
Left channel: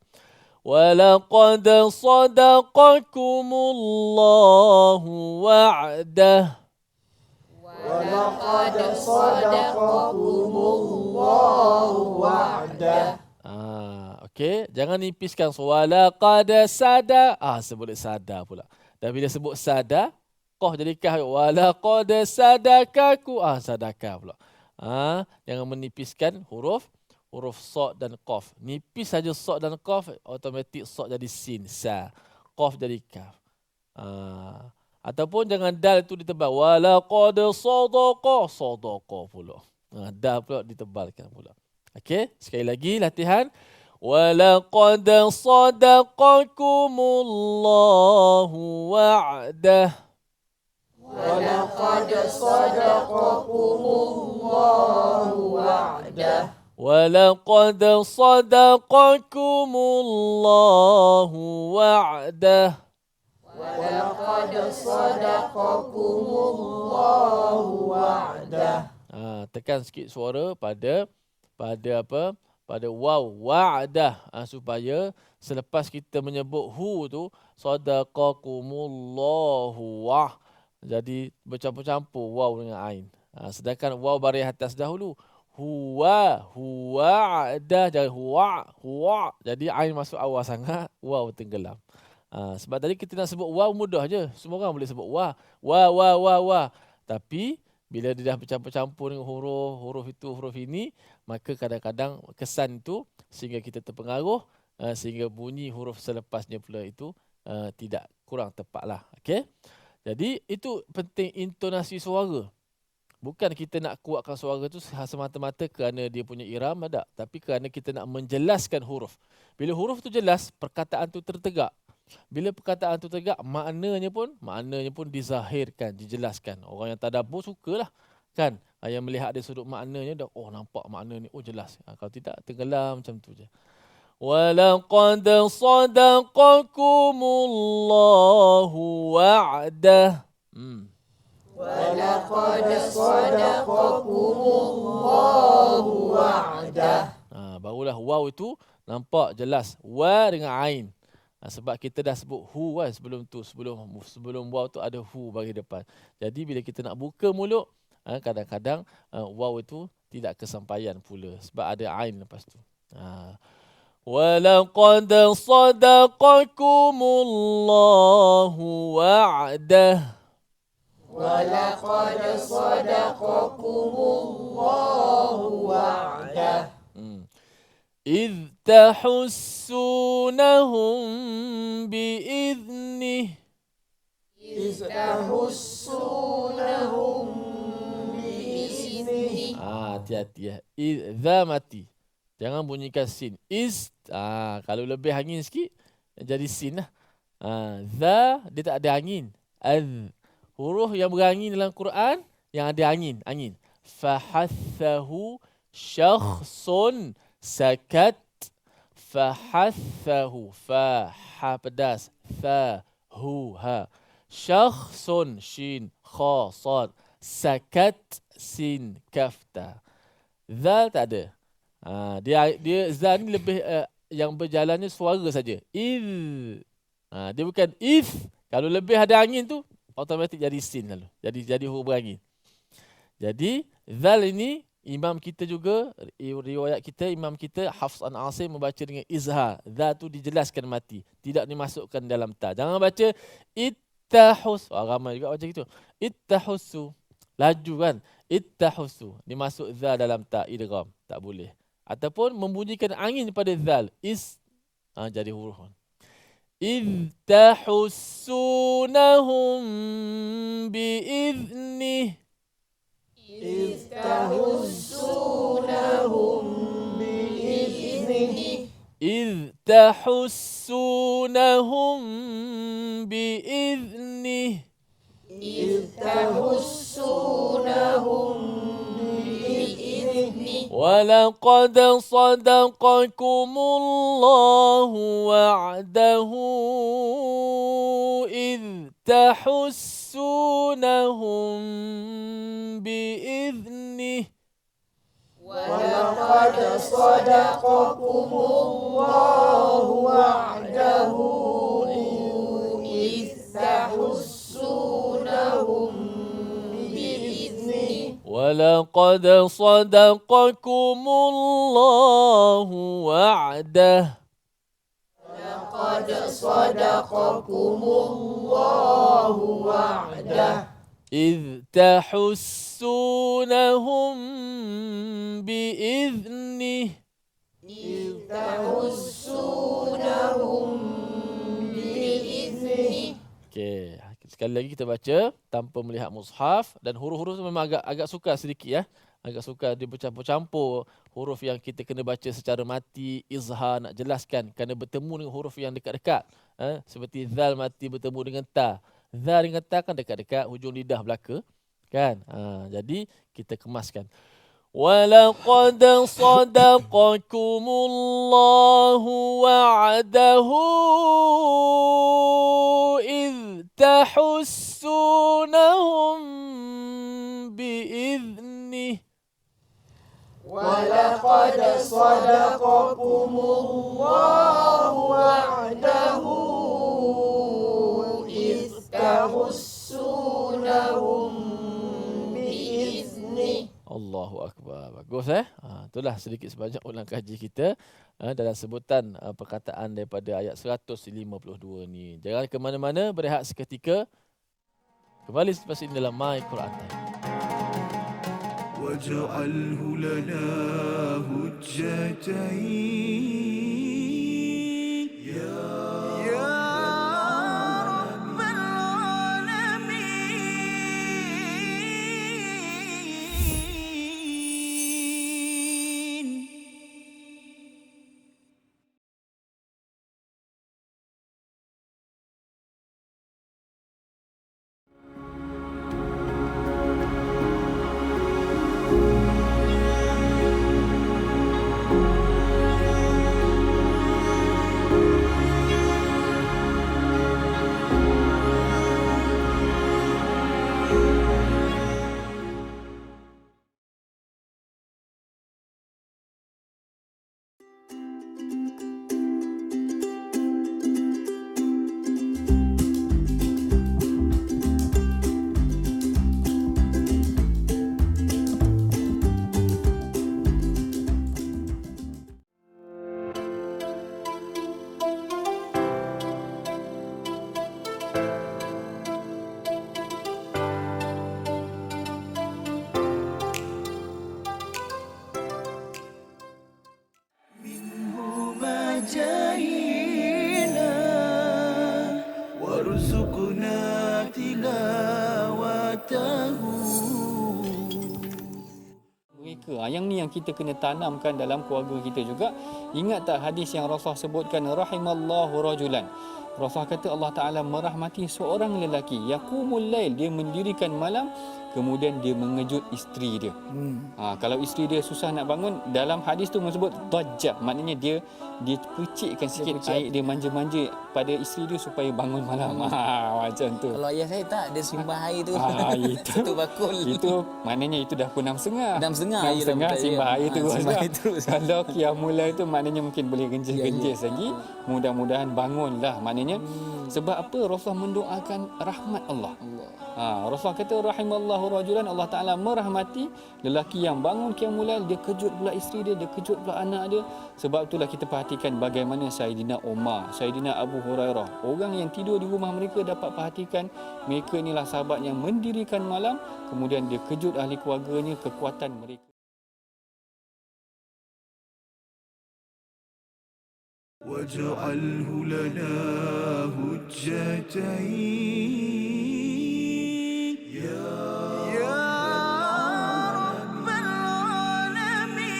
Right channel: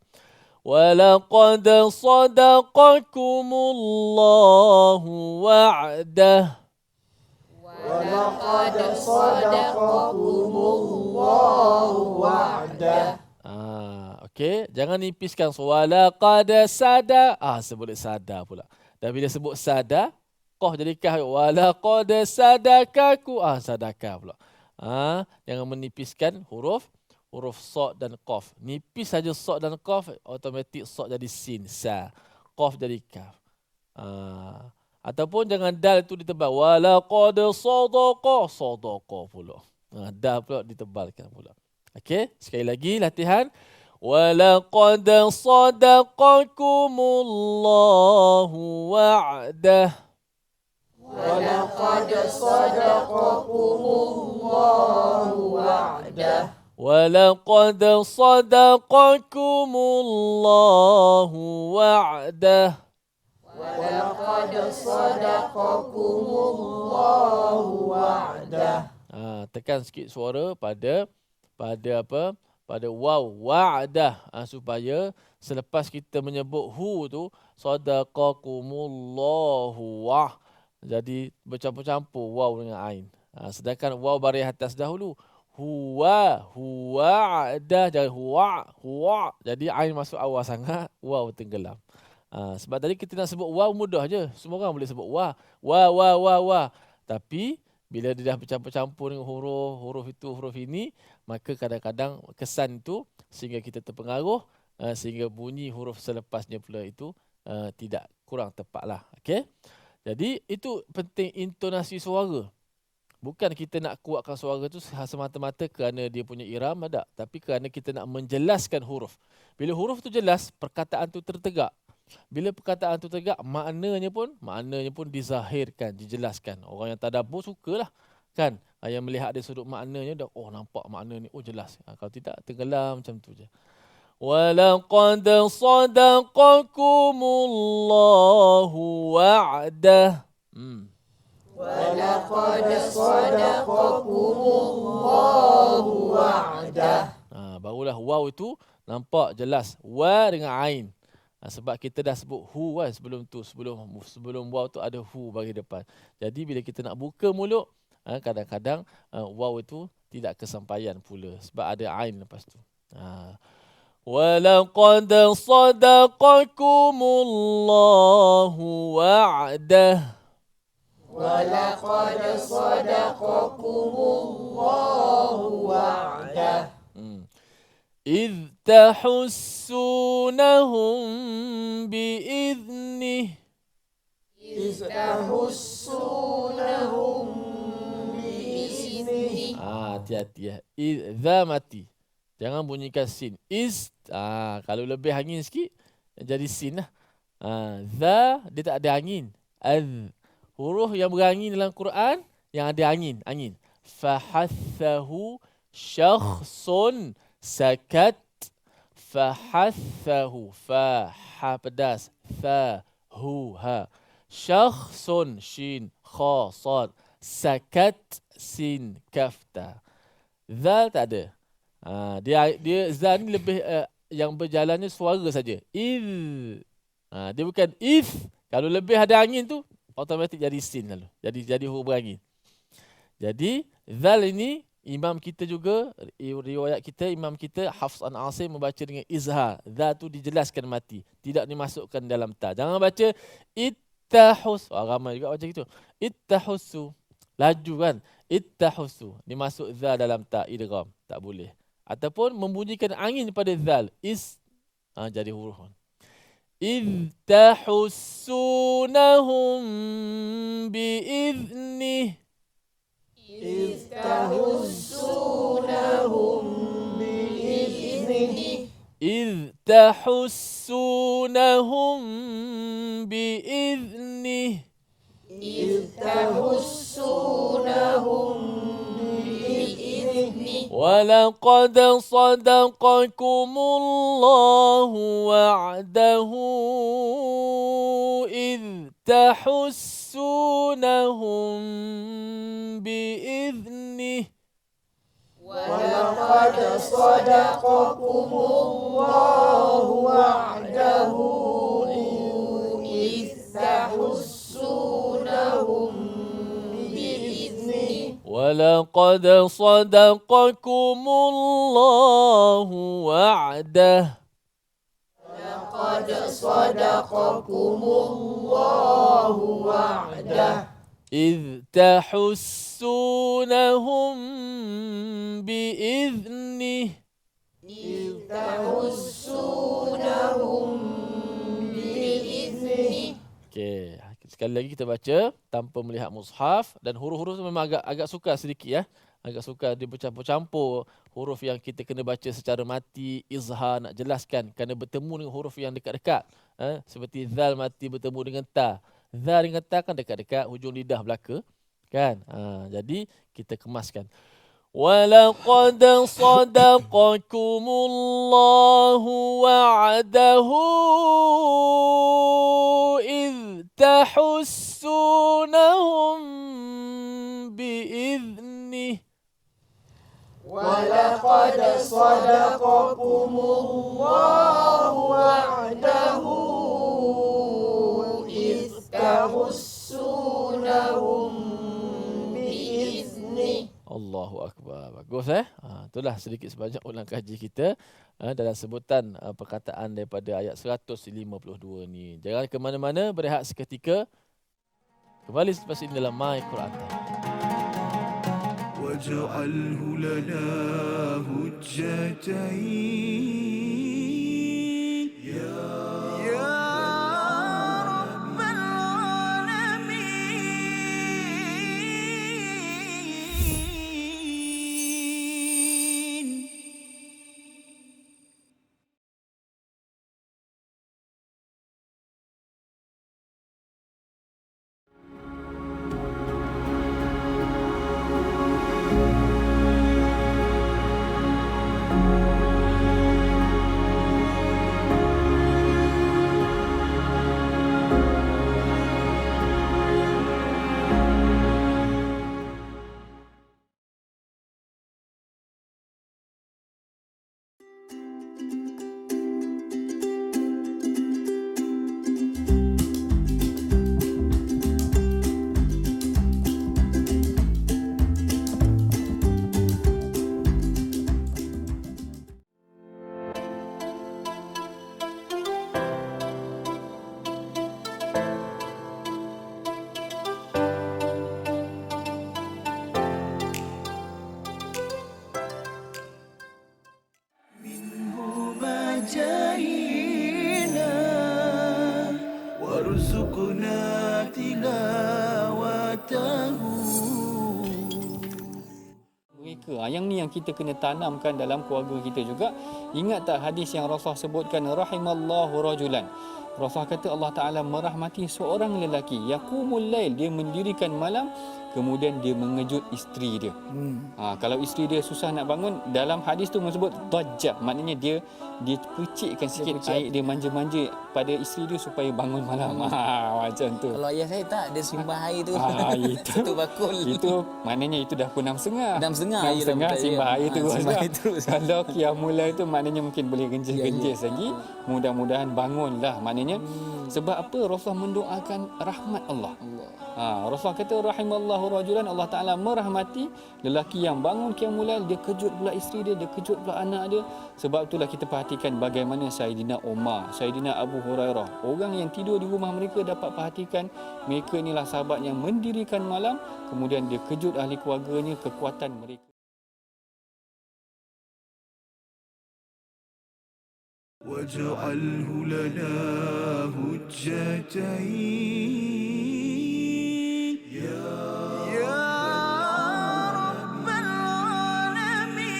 Walaqad sadaqakumullahu wa'dah. Walaqad sadaqakumullahu wa'dah. Okey, jangan nipiskan. Walaqad sada, sebut sada pula. Dan bila sebut sada, qaf jadi kaf. Walaqad sadakaku, sadaka pula. Jangan menipiskan huruf sa dan qaf. Nipis saja sa dan qaf, automatik sa jadi sin, sa. Qaf jadi kaf. Ataupun jangan dal itu ditebal. Walaqad sadaqa pula. Dal pula ditebalkan pula. Okey, sekali lagi latihan. Walaqad sadaqakumullahu wa'dah. Walaqad sadaqakumullahu wa'dah. Walaqad sadaqakumullahu wa'dah. Walaqad sadaqakumullahu wa'dah. Tekan sikit suara pada apa? Pada waw, wa'dah, supaya selepas kita menyebut hu tu, sadaqakumullahu wah, jadi bercampur-campur waw dengan ain. Sedangkan waw baris atas dahulu, huwa'dah, jadi huwa, jadi ain masuk awal sangat, waw tenggelam. Sebab tadi kita nak sebut waw mudah je, semua orang boleh sebut wa. Tapi bila dia dah bercampur-campur dengan huruf itu, huruf ini, maka kadang-kadang kesan itu sehingga kita terpengaruh, sehingga bunyi huruf selepasnya pula itu tidak, kurang tepat lah. Okay? Jadi itu penting intonasi suara. Bukan kita nak kuatkan suara itu semata-mata kerana dia punya iram, tak. Tapi kerana kita nak menjelaskan huruf. Bila huruf itu jelas, perkataan itu tertegak. Bila perkataan itu tegak, maknanya pun dizahirkan, dijelaskan. Orang yang tadabbur sukalah kan, yang melihat dari sudut maknanya dah, nampak makna ni, jelas. Kalau tidak, tenggelam macam tu je. Walaqad sadaqakumullahu wa'dah. Walaqad sadaqakumullahu wa'dah. Barulah waw itu nampak jelas, wa dengan ain. Sebab kita dah sebut hu kan sebelum tu, sebelum waw tu ada hu bagi depan. Jadi bila kita nak buka mulut, kadang-kadang waw itu tidak kesampaian pula sebab ada ain lepas tu. Walaqad sadaqakumullahu wa'dah. Walaqad sadaqakumullahu wa'dah. إذ تحسونهم بإذنه. Hati-hati ya. Idza mati. Jangan bunyikan sin. Kalau lebih angin sikit jadi sin lah. Za dia tak ada angin. Huruf yang berangin dalam Quran yang ada angin. Fahathahu syakhsun sakat. Fahathahu. Ha pedas. Hu ha. Syakhsun shin kha sad. Sakat sin kafta. Zal tak ada. Dia zal ni lebih yang berjalan ni suara saja. Dia bukan if. Kalau lebih ada angin tu automatik jadi sin lalu. Jadi huruf berangin. Jadi zal ini imam kita juga, riwayat kita, imam kita Hafs an Asim membaca dengan izhar. Zal tu dijelaskan mati, tidak dimasukkan dalam ta. Jangan baca ittahus. Ramai juga baca gitu. Ittahusu. Laju kan. Ittahusu. Dimasuk zal dalam ta, idgham. Tak boleh. Ataupun membunyikan angin pada zal. Jadi huruf. إذ تحسونهم بإذنه. إذ تحسونهم بإذنه. ولقد صدقكم الله وعده إذ تحسونهم بإذنه. ولقد صدقكم الله وعده إذ تحسونهم بإذنه. ولقد صدقكم الله وعده. لقد صدقكم الله وعده إذ تحسونهم بإذنه. إذ تحسونهم بإذنه. Okey, sekali lagi kita baca tanpa melihat mushaf, dan huruf-huruf tu memang agak sukar sedikit ya. Agak sukar dia bercampur-campur huruf yang kita kena baca secara mati, izhar nak jelaskan kerana bertemu dengan huruf yang dekat-dekat. Seperti zal mati bertemu dengan ta. Zal dengan ta kan dekat-dekat hujung lidah belaka kan. Jadi kita kemaskan. وَلَقَدْ صَدَقَكُمُ اللَّهُ وَعْدَهُ إِذْ تَحُسُّونَهُم بِإِذْنِهِ. ولقد صدقكم الله وعده إذ تحسونهم بإذنه. Allahu Akbar. Bagus itulah sedikit sebanyak ulang kaji kita dalam sebutan perkataan daripada ayat 152 ni. Jangan ke mana-mana, berehat seketika. Kembali selepas ini dalam My Quran Time. واجعله لنا هجتين يا رب العالمين. جاهلا وارزقنا تلاوته. Mereka yang ni yang kita kena tanamkan dalam keluarga kita juga. Ingat tak hadis yang Rasulullah sebutkan, rahimallahu rajulan, Rasulullah kata Allah Ta'ala merahmati seorang lelaki, yaqumul lail, dia mendirikan malam, kemudian dia mengejut isteri dia. Kalau isteri dia susah nak bangun, dalam hadis tu menyebut dajjah, maknanya dia percikkan sikit air, dia manja-manja pada isteri dia supaya bangun malam. Macam tu. Kalau ayah saya tak, dia simbah air tu. Itu Satu bakul. Itu maknanya itu dah pukul 6.30. 6.30 simbah air terus. simbah air terus. Kalau qiyamul lail tu maknanya mungkin boleh genjis-genjis lagi. Mudah-mudahan bangunlah. Maknanya sebab apa? Rasulullah mendoakan rahmat Allah. Rasulullah kata rahimallahu rajulan, Allah Taala merahmati lelaki yang bangun qiyamul lail, dia kejut pula isteri dia kejut pula anak dia. Sebab itulah kita perhatikan bagaimana Saidina Umar, Saidina Abu Hurairah, orang yang tidur di rumah mereka dapat perhatikan mereka inilah sahabat yang mendirikan malam, kemudian dia kejut ahli keluarganya, kekuatan mereka. واجعله لنا هجتين يا رب العالمين.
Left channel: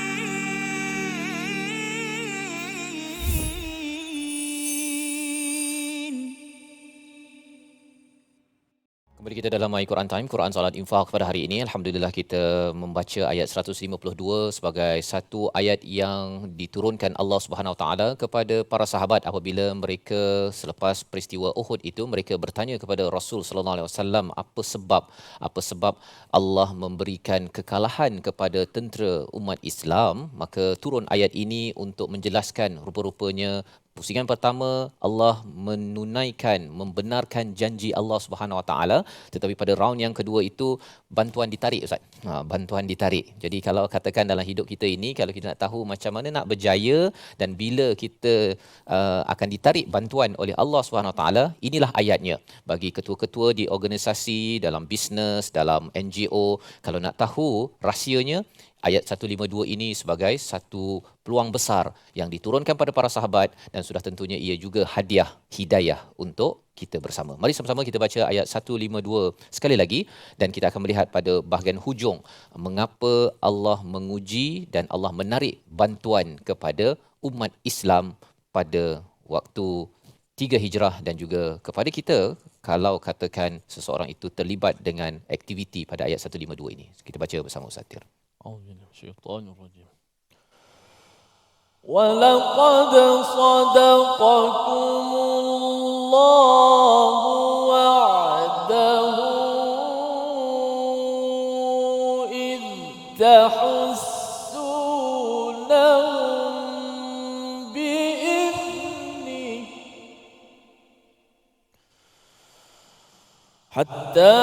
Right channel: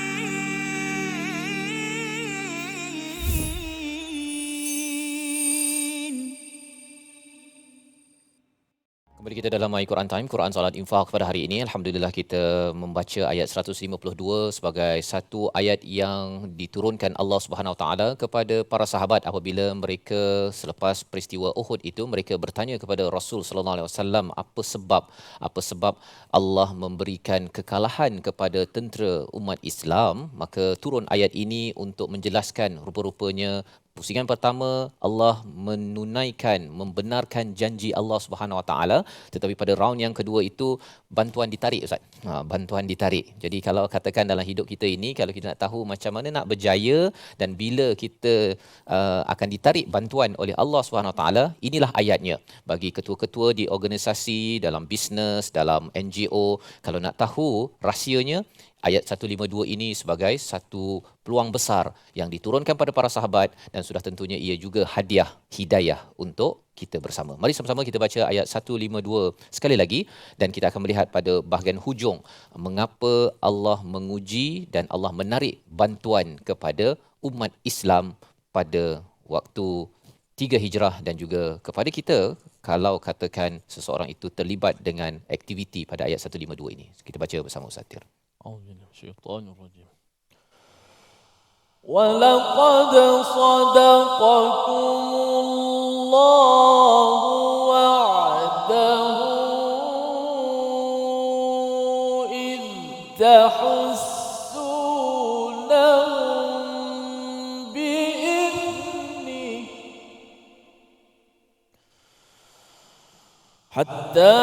Kembali kita dalam My Quran Time, Quran Salat Infak pada hari ini. Alhamdulillah kita membaca ayat 152 sebagai satu ayat yang diturunkan Allah Subhanahu Wa Taala kepada para sahabat apabila mereka selepas peristiwa Uhud itu mereka bertanya kepada Rasul sallallahu alaihi wasallam apa sebab Allah memberikan kekalahan kepada tentera umat Islam. Maka turun ayat ini untuk menjelaskan rupa-rupanya pusingan pertama Allah membenarkan janji Allah Subhanahu Wa Taala, tetapi pada round yang kedua itu bantuan ditarik, Ustaz. Bantuan ditarik. Jadi kalau katakan dalam hidup kita ini, kalau kita nak tahu macam mana nak berjaya dan bila kita akan ditarik bantuan oleh Allah Subhanahu Wa Taala, inilah ayatnya. Bagi ketua-ketua di organisasi, dalam bisnes, dalam NGO, kalau nak tahu rahsianya, ayat 152 ini sebagai satu peluang besar yang diturunkan pada para sahabat dan sudah tentunya ia juga hadiah hidayah untuk kita bersama. Mari sama-sama kita baca ayat 152 sekali lagi dan kita akan melihat pada bahagian hujung mengapa Allah menguji dan Allah menarik bantuan kepada umat Islam pada waktu 3 Hijrah dan juga kepada kita kalau katakan seseorang itu terlibat dengan aktiviti pada ayat 152 ini. Kita baca bersama Ustaz Tir. وَلَقَدْ صَدَقَكُمُ اللَّهُ وَعْدَهُ إِذْ تَحُسُّونَهُم بِإِذْنِهِ حَتَّى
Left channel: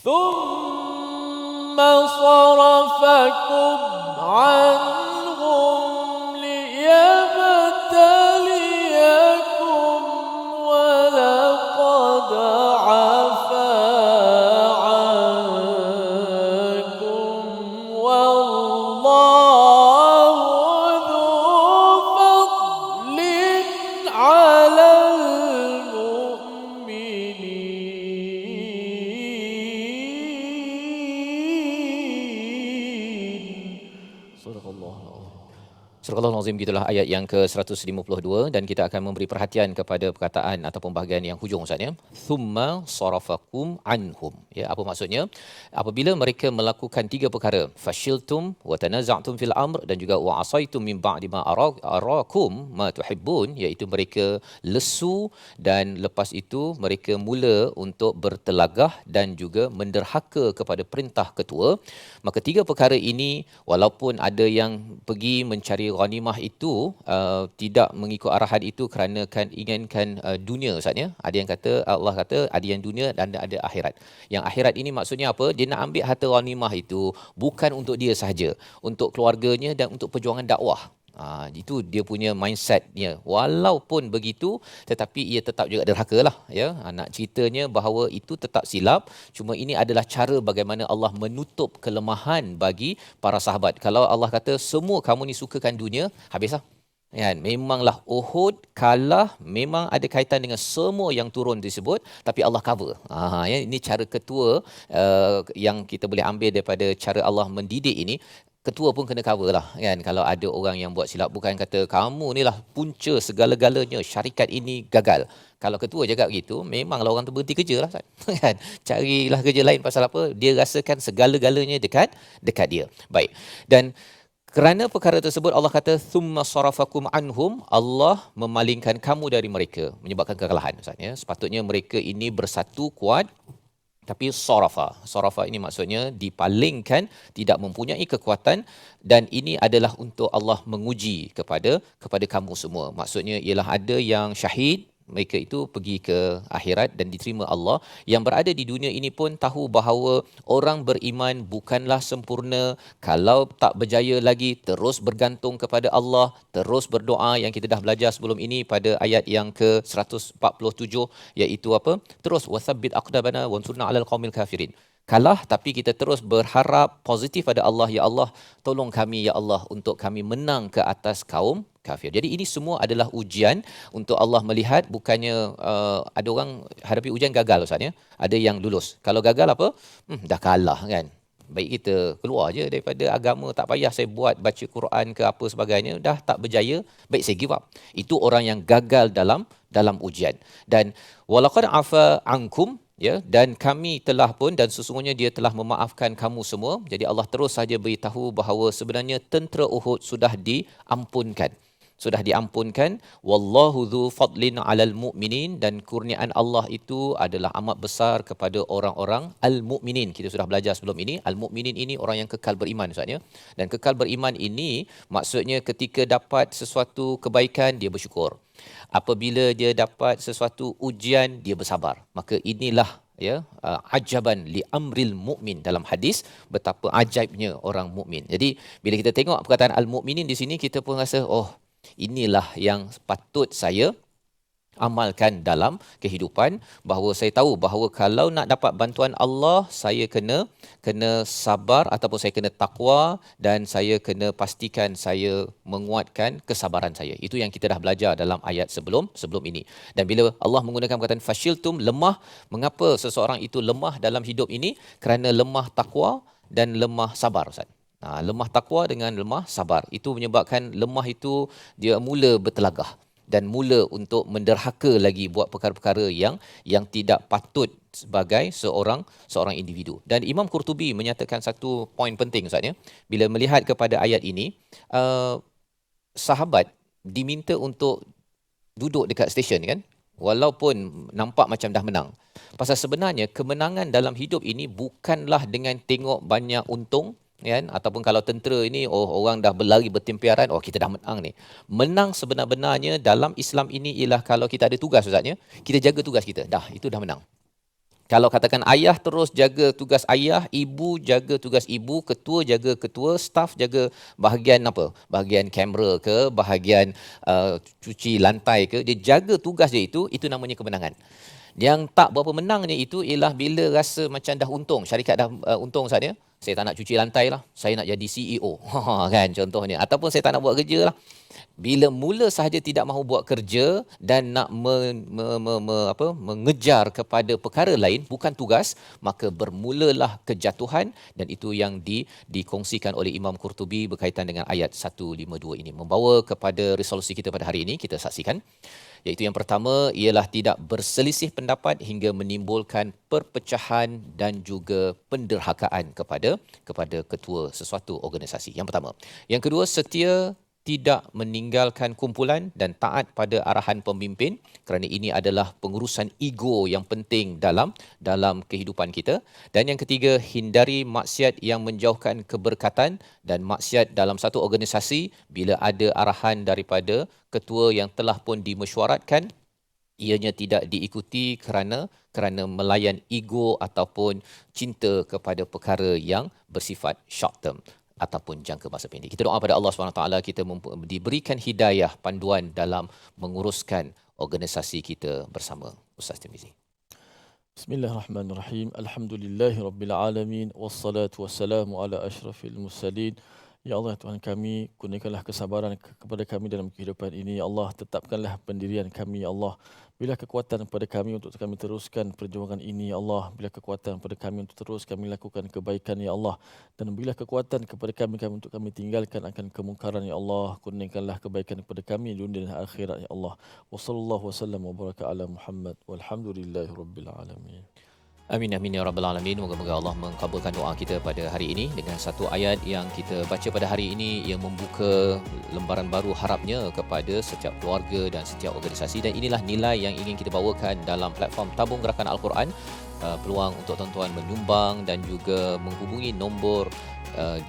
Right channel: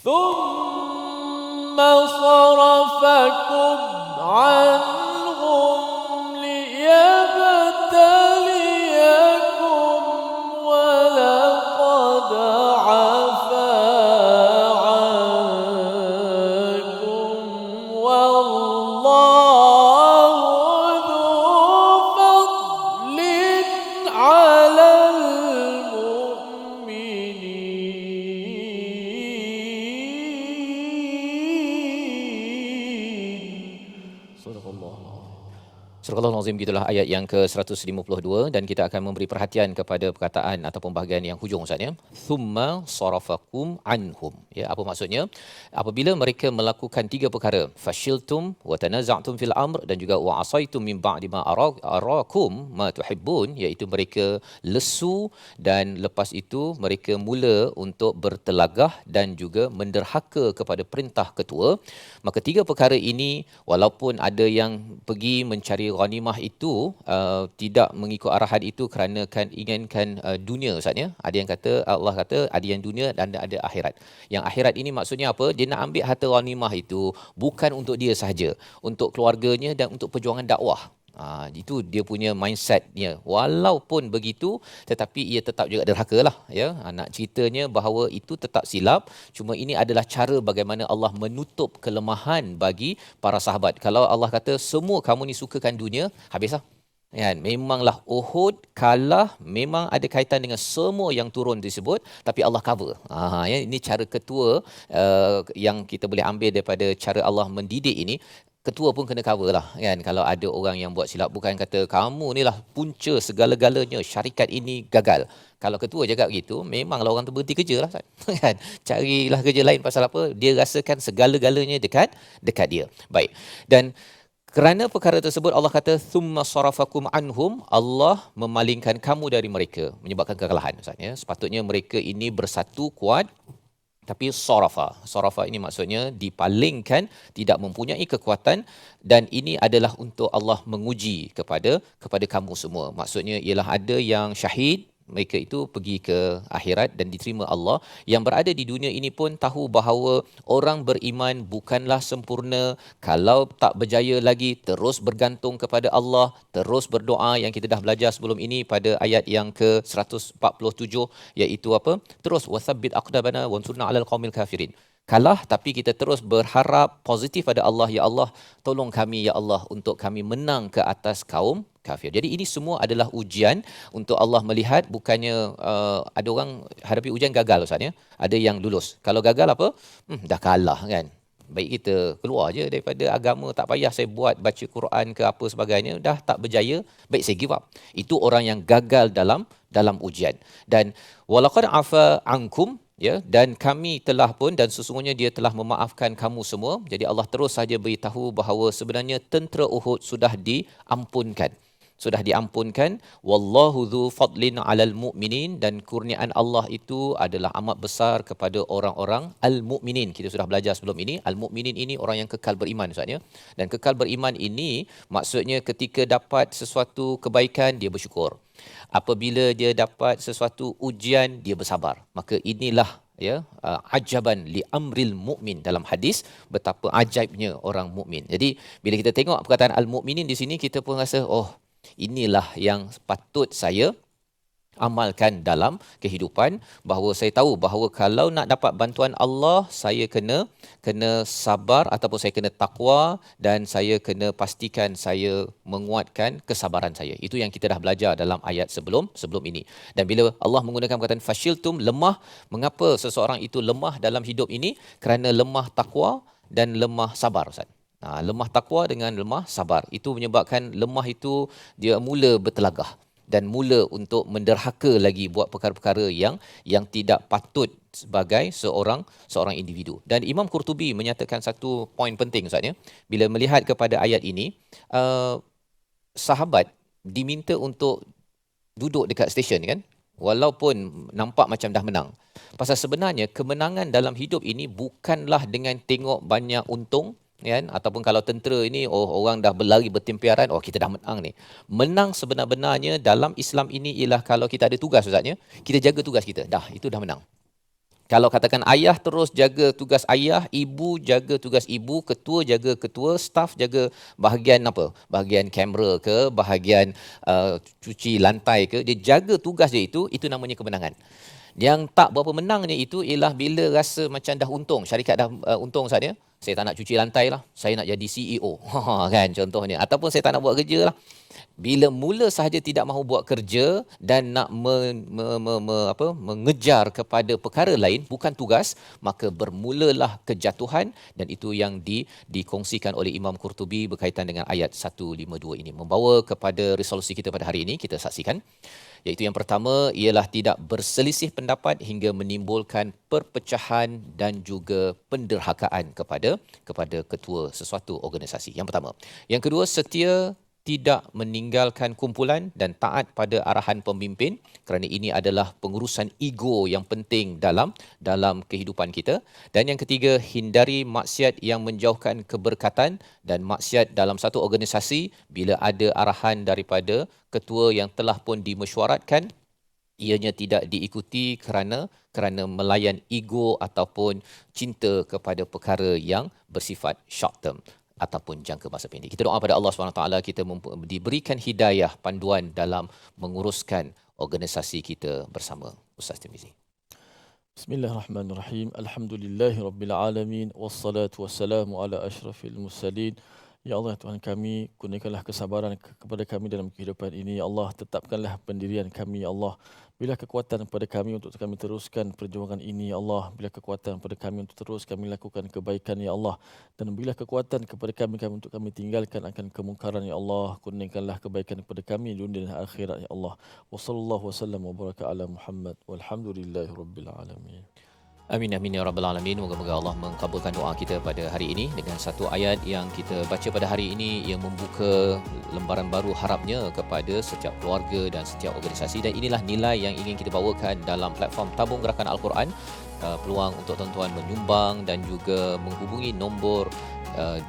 ثم صرفكم عنهم ليبتليكم ولقد عفا عنكم والله ذو فضل على المؤمنين Surah Surah Al-Azim, gitulah ayat yang ke-152, dan kita akan memberi perhatian kepada perkataan ataupun bahagian yang hujung Ustaz ya. Thumma sarafakum anhum. Ya, apa maksudnya? Apabila mereka melakukan tiga perkara, fashiltum wa tanaza'tum fil amr, dan juga wa asaitum min ba'di ma arakum ma tuhibbun, iaitu mereka lesu dan lepas itu mereka mula untuk bertelagah dan juga menderhaka kepada perintah ketua. Maka tiga perkara ini, walaupun ada yang pergi mencari ghanimah itu tidak mengikut arahan itu kerana inginkan dunia Ustaz ya. Ada yang kata, Allah kata ada yang dunia dan ada akhirat. Yang akhirat ini maksudnya apa? Dia nak ambil harta ghanimah itu bukan untuk dia sahaja, untuk keluarganya dan untuk perjuangan dakwah. Itu dia punya mindsetnya. Walaupun begitu, tetapi ia tetap juga derhaka lah. Ya. Nak ceritanya bahawa itu tetap silap. Cuma ini adalah cara bagaimana Allah menutup kelemahan bagi para sahabat. Kalau Allah kata semua kamu ni sukakan dunia, habislah. Ya, memanglah Uhud kalah, memang ada kaitan dengan semua yang turun tersebut, tapi Allah cover. Ya, ini cara ketua yang kita boleh ambil daripada cara Allah mendidik ini. Ketua pun kena cover lah kan. Kalau ada orang yang buat silap, bukan kata kamu ni lah punca segala-galanya, syarikat ini gagal. Kalau ketua cakap begitu, memanglah orang tu berhenti kerja lah kan. Carilah kerja lain. Pasal apa? Dia rasakan segala-galanya dekat dia. Baik. Dan kerana perkara tersebut Allah kata thumma sarafakum anhum, Allah memalingkan kamu dari mereka, menyebabkan kekalahan Ustaz ya. Sepatutnya mereka ini bersatu kuat, tapi sarafa ini maksudnya dipalingkan, tidak mempunyai kekuatan, dan ini adalah untuk Allah menguji kepada kamu semua. Maksudnya ialah ada yang syahid, mereka itu pergi ke akhirat dan diterima Allah. Yang berada di dunia ini pun tahu bahawa orang beriman bukanlah sempurna. Kalau tak berjaya lagi, terus bergantung kepada Allah, terus berdoa yang kita dah belajar sebelum ini pada ayat yang ke-147, iaitu apa? Terus wasabbit aqdabana wansurna 'alal qaumil kafirin. Kalah tapi kita terus berharap positif pada Allah. Ya Allah, tolong kami ya Allah untuk kami menang ke atas kaum kafir. Jadi ini semua adalah ujian untuk Allah melihat. Bukannya ada orang hadapi ujian gagal Ustaz ya. Ada yang lulus. Kalau gagal apa? Dah kalah kan. Baik kita keluar je daripada agama, tak payah saya buat baca Quran ke apa sebagainya, dah tak berjaya, baik saya give up. Itu orang yang gagal dalam ujian. Dan walaqad afa ankum, ya, dan kami telah pun, dan sesungguhnya dia telah memaafkan kamu semua. Jadi Allah terus saja beritahu bahawa sebenarnya tentera Uhud sudah diampunkan. Wallahu dzu fadlin 'alal mu'minin, dan kurniaan Allah itu adalah amat besar kepada orang-orang al-mu'minin. Kita sudah belajar sebelum ini, al-mu'minin ini orang yang kekal beriman Ustaz ya. Dan kekal beriman ini maksudnya ketika dapat sesuatu kebaikan dia bersyukur. Apabila dia dapat sesuatu ujian dia bersabar. Maka inilah ya ajaban li amril mukmin, dalam hadis betapa ajaibnya orang mukmin. Jadi bila kita tengok perkataan al-mukminin di sini, kita pun rasa inilah yang patut saya amalkan dalam kehidupan, bahawa saya tahu bahawa kalau nak dapat bantuan Allah, saya kena sabar ataupun saya kena takwa, dan saya kena pastikan saya menguatkan kesabaran saya. Itu yang kita dah belajar dalam ayat sebelum ini. Dan bila Allah menggunakan perkataan fashiltum, lemah, mengapa seseorang itu lemah dalam hidup ini? Kerana lemah takwa dan lemah sabar Ustaz. Lemah takwa dengan lemah sabar itu menyebabkan lemah itu dia mula bertelagah dan mula untuk menderhaka lagi buat perkara-perkara yang tidak patut sebagai seorang individu. Dan Imam Qurtubi menyatakan satu poin penting Ustaz ya. Bila melihat kepada ayat ini, sahabat diminta untuk duduk dekat stesen kan, walaupun nampak macam dah menang. Pasal sebenarnya kemenangan dalam hidup ini bukanlah dengan tengok banyak untung kan, ataupun kalau tentera ini orang dah berlari bertempiaran, kita dah menang ni. Menang sebenar-benarnya dalam Islam ini ialah kalau kita ada tugas Ustaznya, kita jaga tugas kita. Itu dah menang. Kalau katakan ayah terus jaga tugas ayah, ibu jaga tugas ibu, ketua jaga ketua, staff jaga bahagian apa? Bahagian kamera ke, bahagian cuci lantai ke, dia jaga tugas dia itu namanya kemenangan. Yang tak berapa menangnya itu ialah bila rasa macam dah untung, syarikat dah untung Ustaz ya. Saya tak nak cuci lantai lah, saya nak jadi CEO. Kan contohnya. Ataupun saya tak nak buat kerja lah. Bila mula sahaja tidak mahu buat kerja dan nak mengejar kepada perkara lain, bukan tugas, maka bermulalah kejatuhan, dan itu yang dikongsikan oleh Imam Qurtubi berkaitan dengan ayat 152 ini. Membawa kepada resolusi kita pada hari ini, kita saksikan. Iaitu yang pertama ialah tidak berselisih pendapat hingga menimbulkan perpecahan dan juga penderhakaan kepada ketua sesuatu organisasi. Yang pertama. Yang kedua, setia tidak meninggalkan kumpulan dan taat pada arahan pemimpin, kerana ini adalah pengurusan ego yang penting dalam kehidupan kita. Dan yang ketiga, hindari maksiat yang menjauhkan keberkatan dan maksiat dalam satu organisasi bila ada arahan daripada ketua yang telah pun dimesyuaratkan, ianya tidak diikuti kerana melayan ego ataupun cinta kepada perkara yang bersifat short term ataupun jangka masa pendek. Kita doa pada Allah SWT, kita diberikan hidayah panduan dalam menguruskan organisasi kita bersama. Ustaz Tirmizi. Bismillahirrahmanirrahim. Alhamdulillahirabbil alamin wassalatu wassalamu ala asyrafil mursalin. Ya Allah Tuhan kami, kurniakanlah kesabaran kepada kami dalam kehidupan ini. Ya Allah, tetapkanlah pendirian kami. Ya Allah, bila kekuatan kepada kami untuk kami teruskan perjuangan ini. Ya Allah, bila kekuatan kepada kami untuk terus kami lakukan kebaikan. Ya Allah, dan bila kekuatan kepada kami untuk kami tinggalkan akan kemungkaran. Ya Allah, kurniakanlah kebaikan kepada kami dunia dan akhirat. Ya Allah, wa sallallahu wasallam wa baraka ala Muhammad walhamdulillahi rabbil alamin. Amin amin ya rabbal alamin. Moga-moga Allah mengabulkan doa kita pada hari ini dengan satu ayat yang kita baca pada hari ini yang membuka lembaran baru harapnya kepada setiap keluarga dan setiap organisasi, dan inilah nilai yang ingin kita bawakan dalam platform Tabung Gerakan Al-Quran. Peluang untuk tuan-tuan menyumbang dan juga menghubungi nombor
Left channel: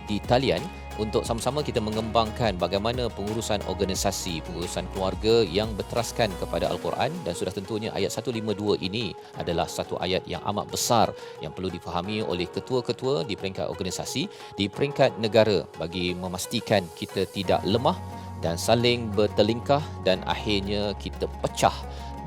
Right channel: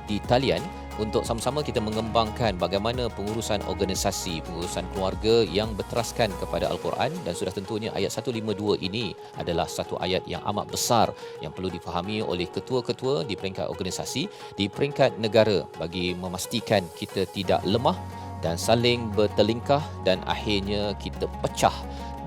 di talian untuk sama-sama kita mengembangkan bagaimana pengurusan organisasi, pengurusan keluarga yang berteraskan kepada Al-Quran. Dan sudah tentunya ayat 152 ini adalah satu ayat yang amat besar yang perlu difahami oleh ketua-ketua di peringkat organisasi, di peringkat negara, bagi memastikan kita tidak lemah dan saling bertelingkah dan akhirnya kita pecah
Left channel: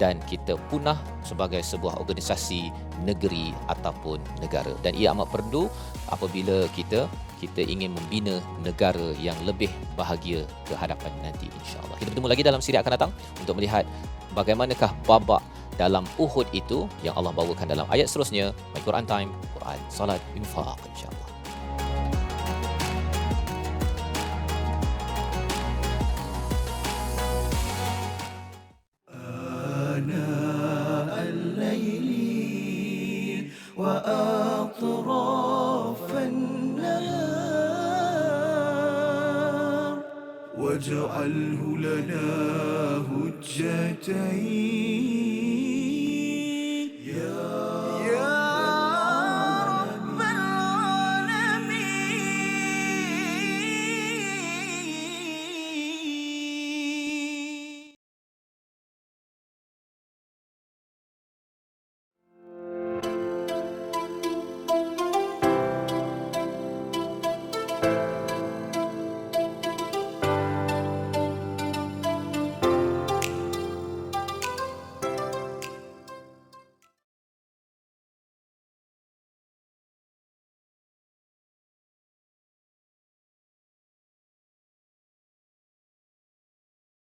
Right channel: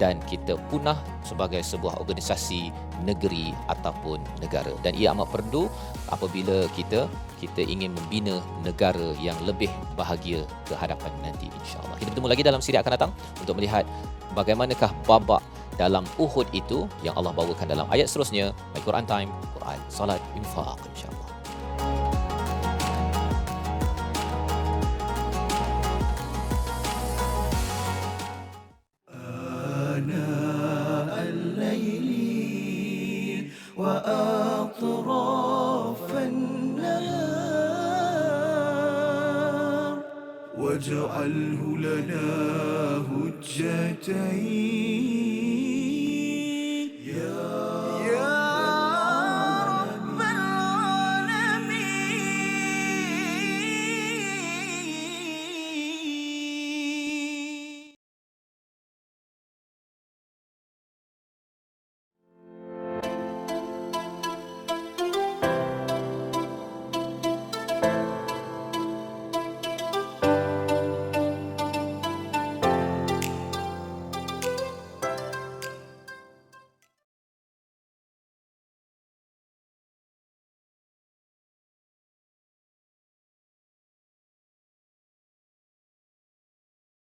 dan kita punah sebagai sebuah organisasi, negeri ataupun negara. Dan ia amat perlu apabila kita ingin membina negara yang lebih bahagia ke hadapan nanti, insya-Allah. Kita bertemu lagi dalam siri akan datang untuk melihat bagaimanakah babak dalam Uhud itu yang Allah bawakan dalam ayat seterusnya. Al-Quran Time, Quran, Salat, Infaq, insya-Allah. وأطراف النهار واجعله لنا هجتين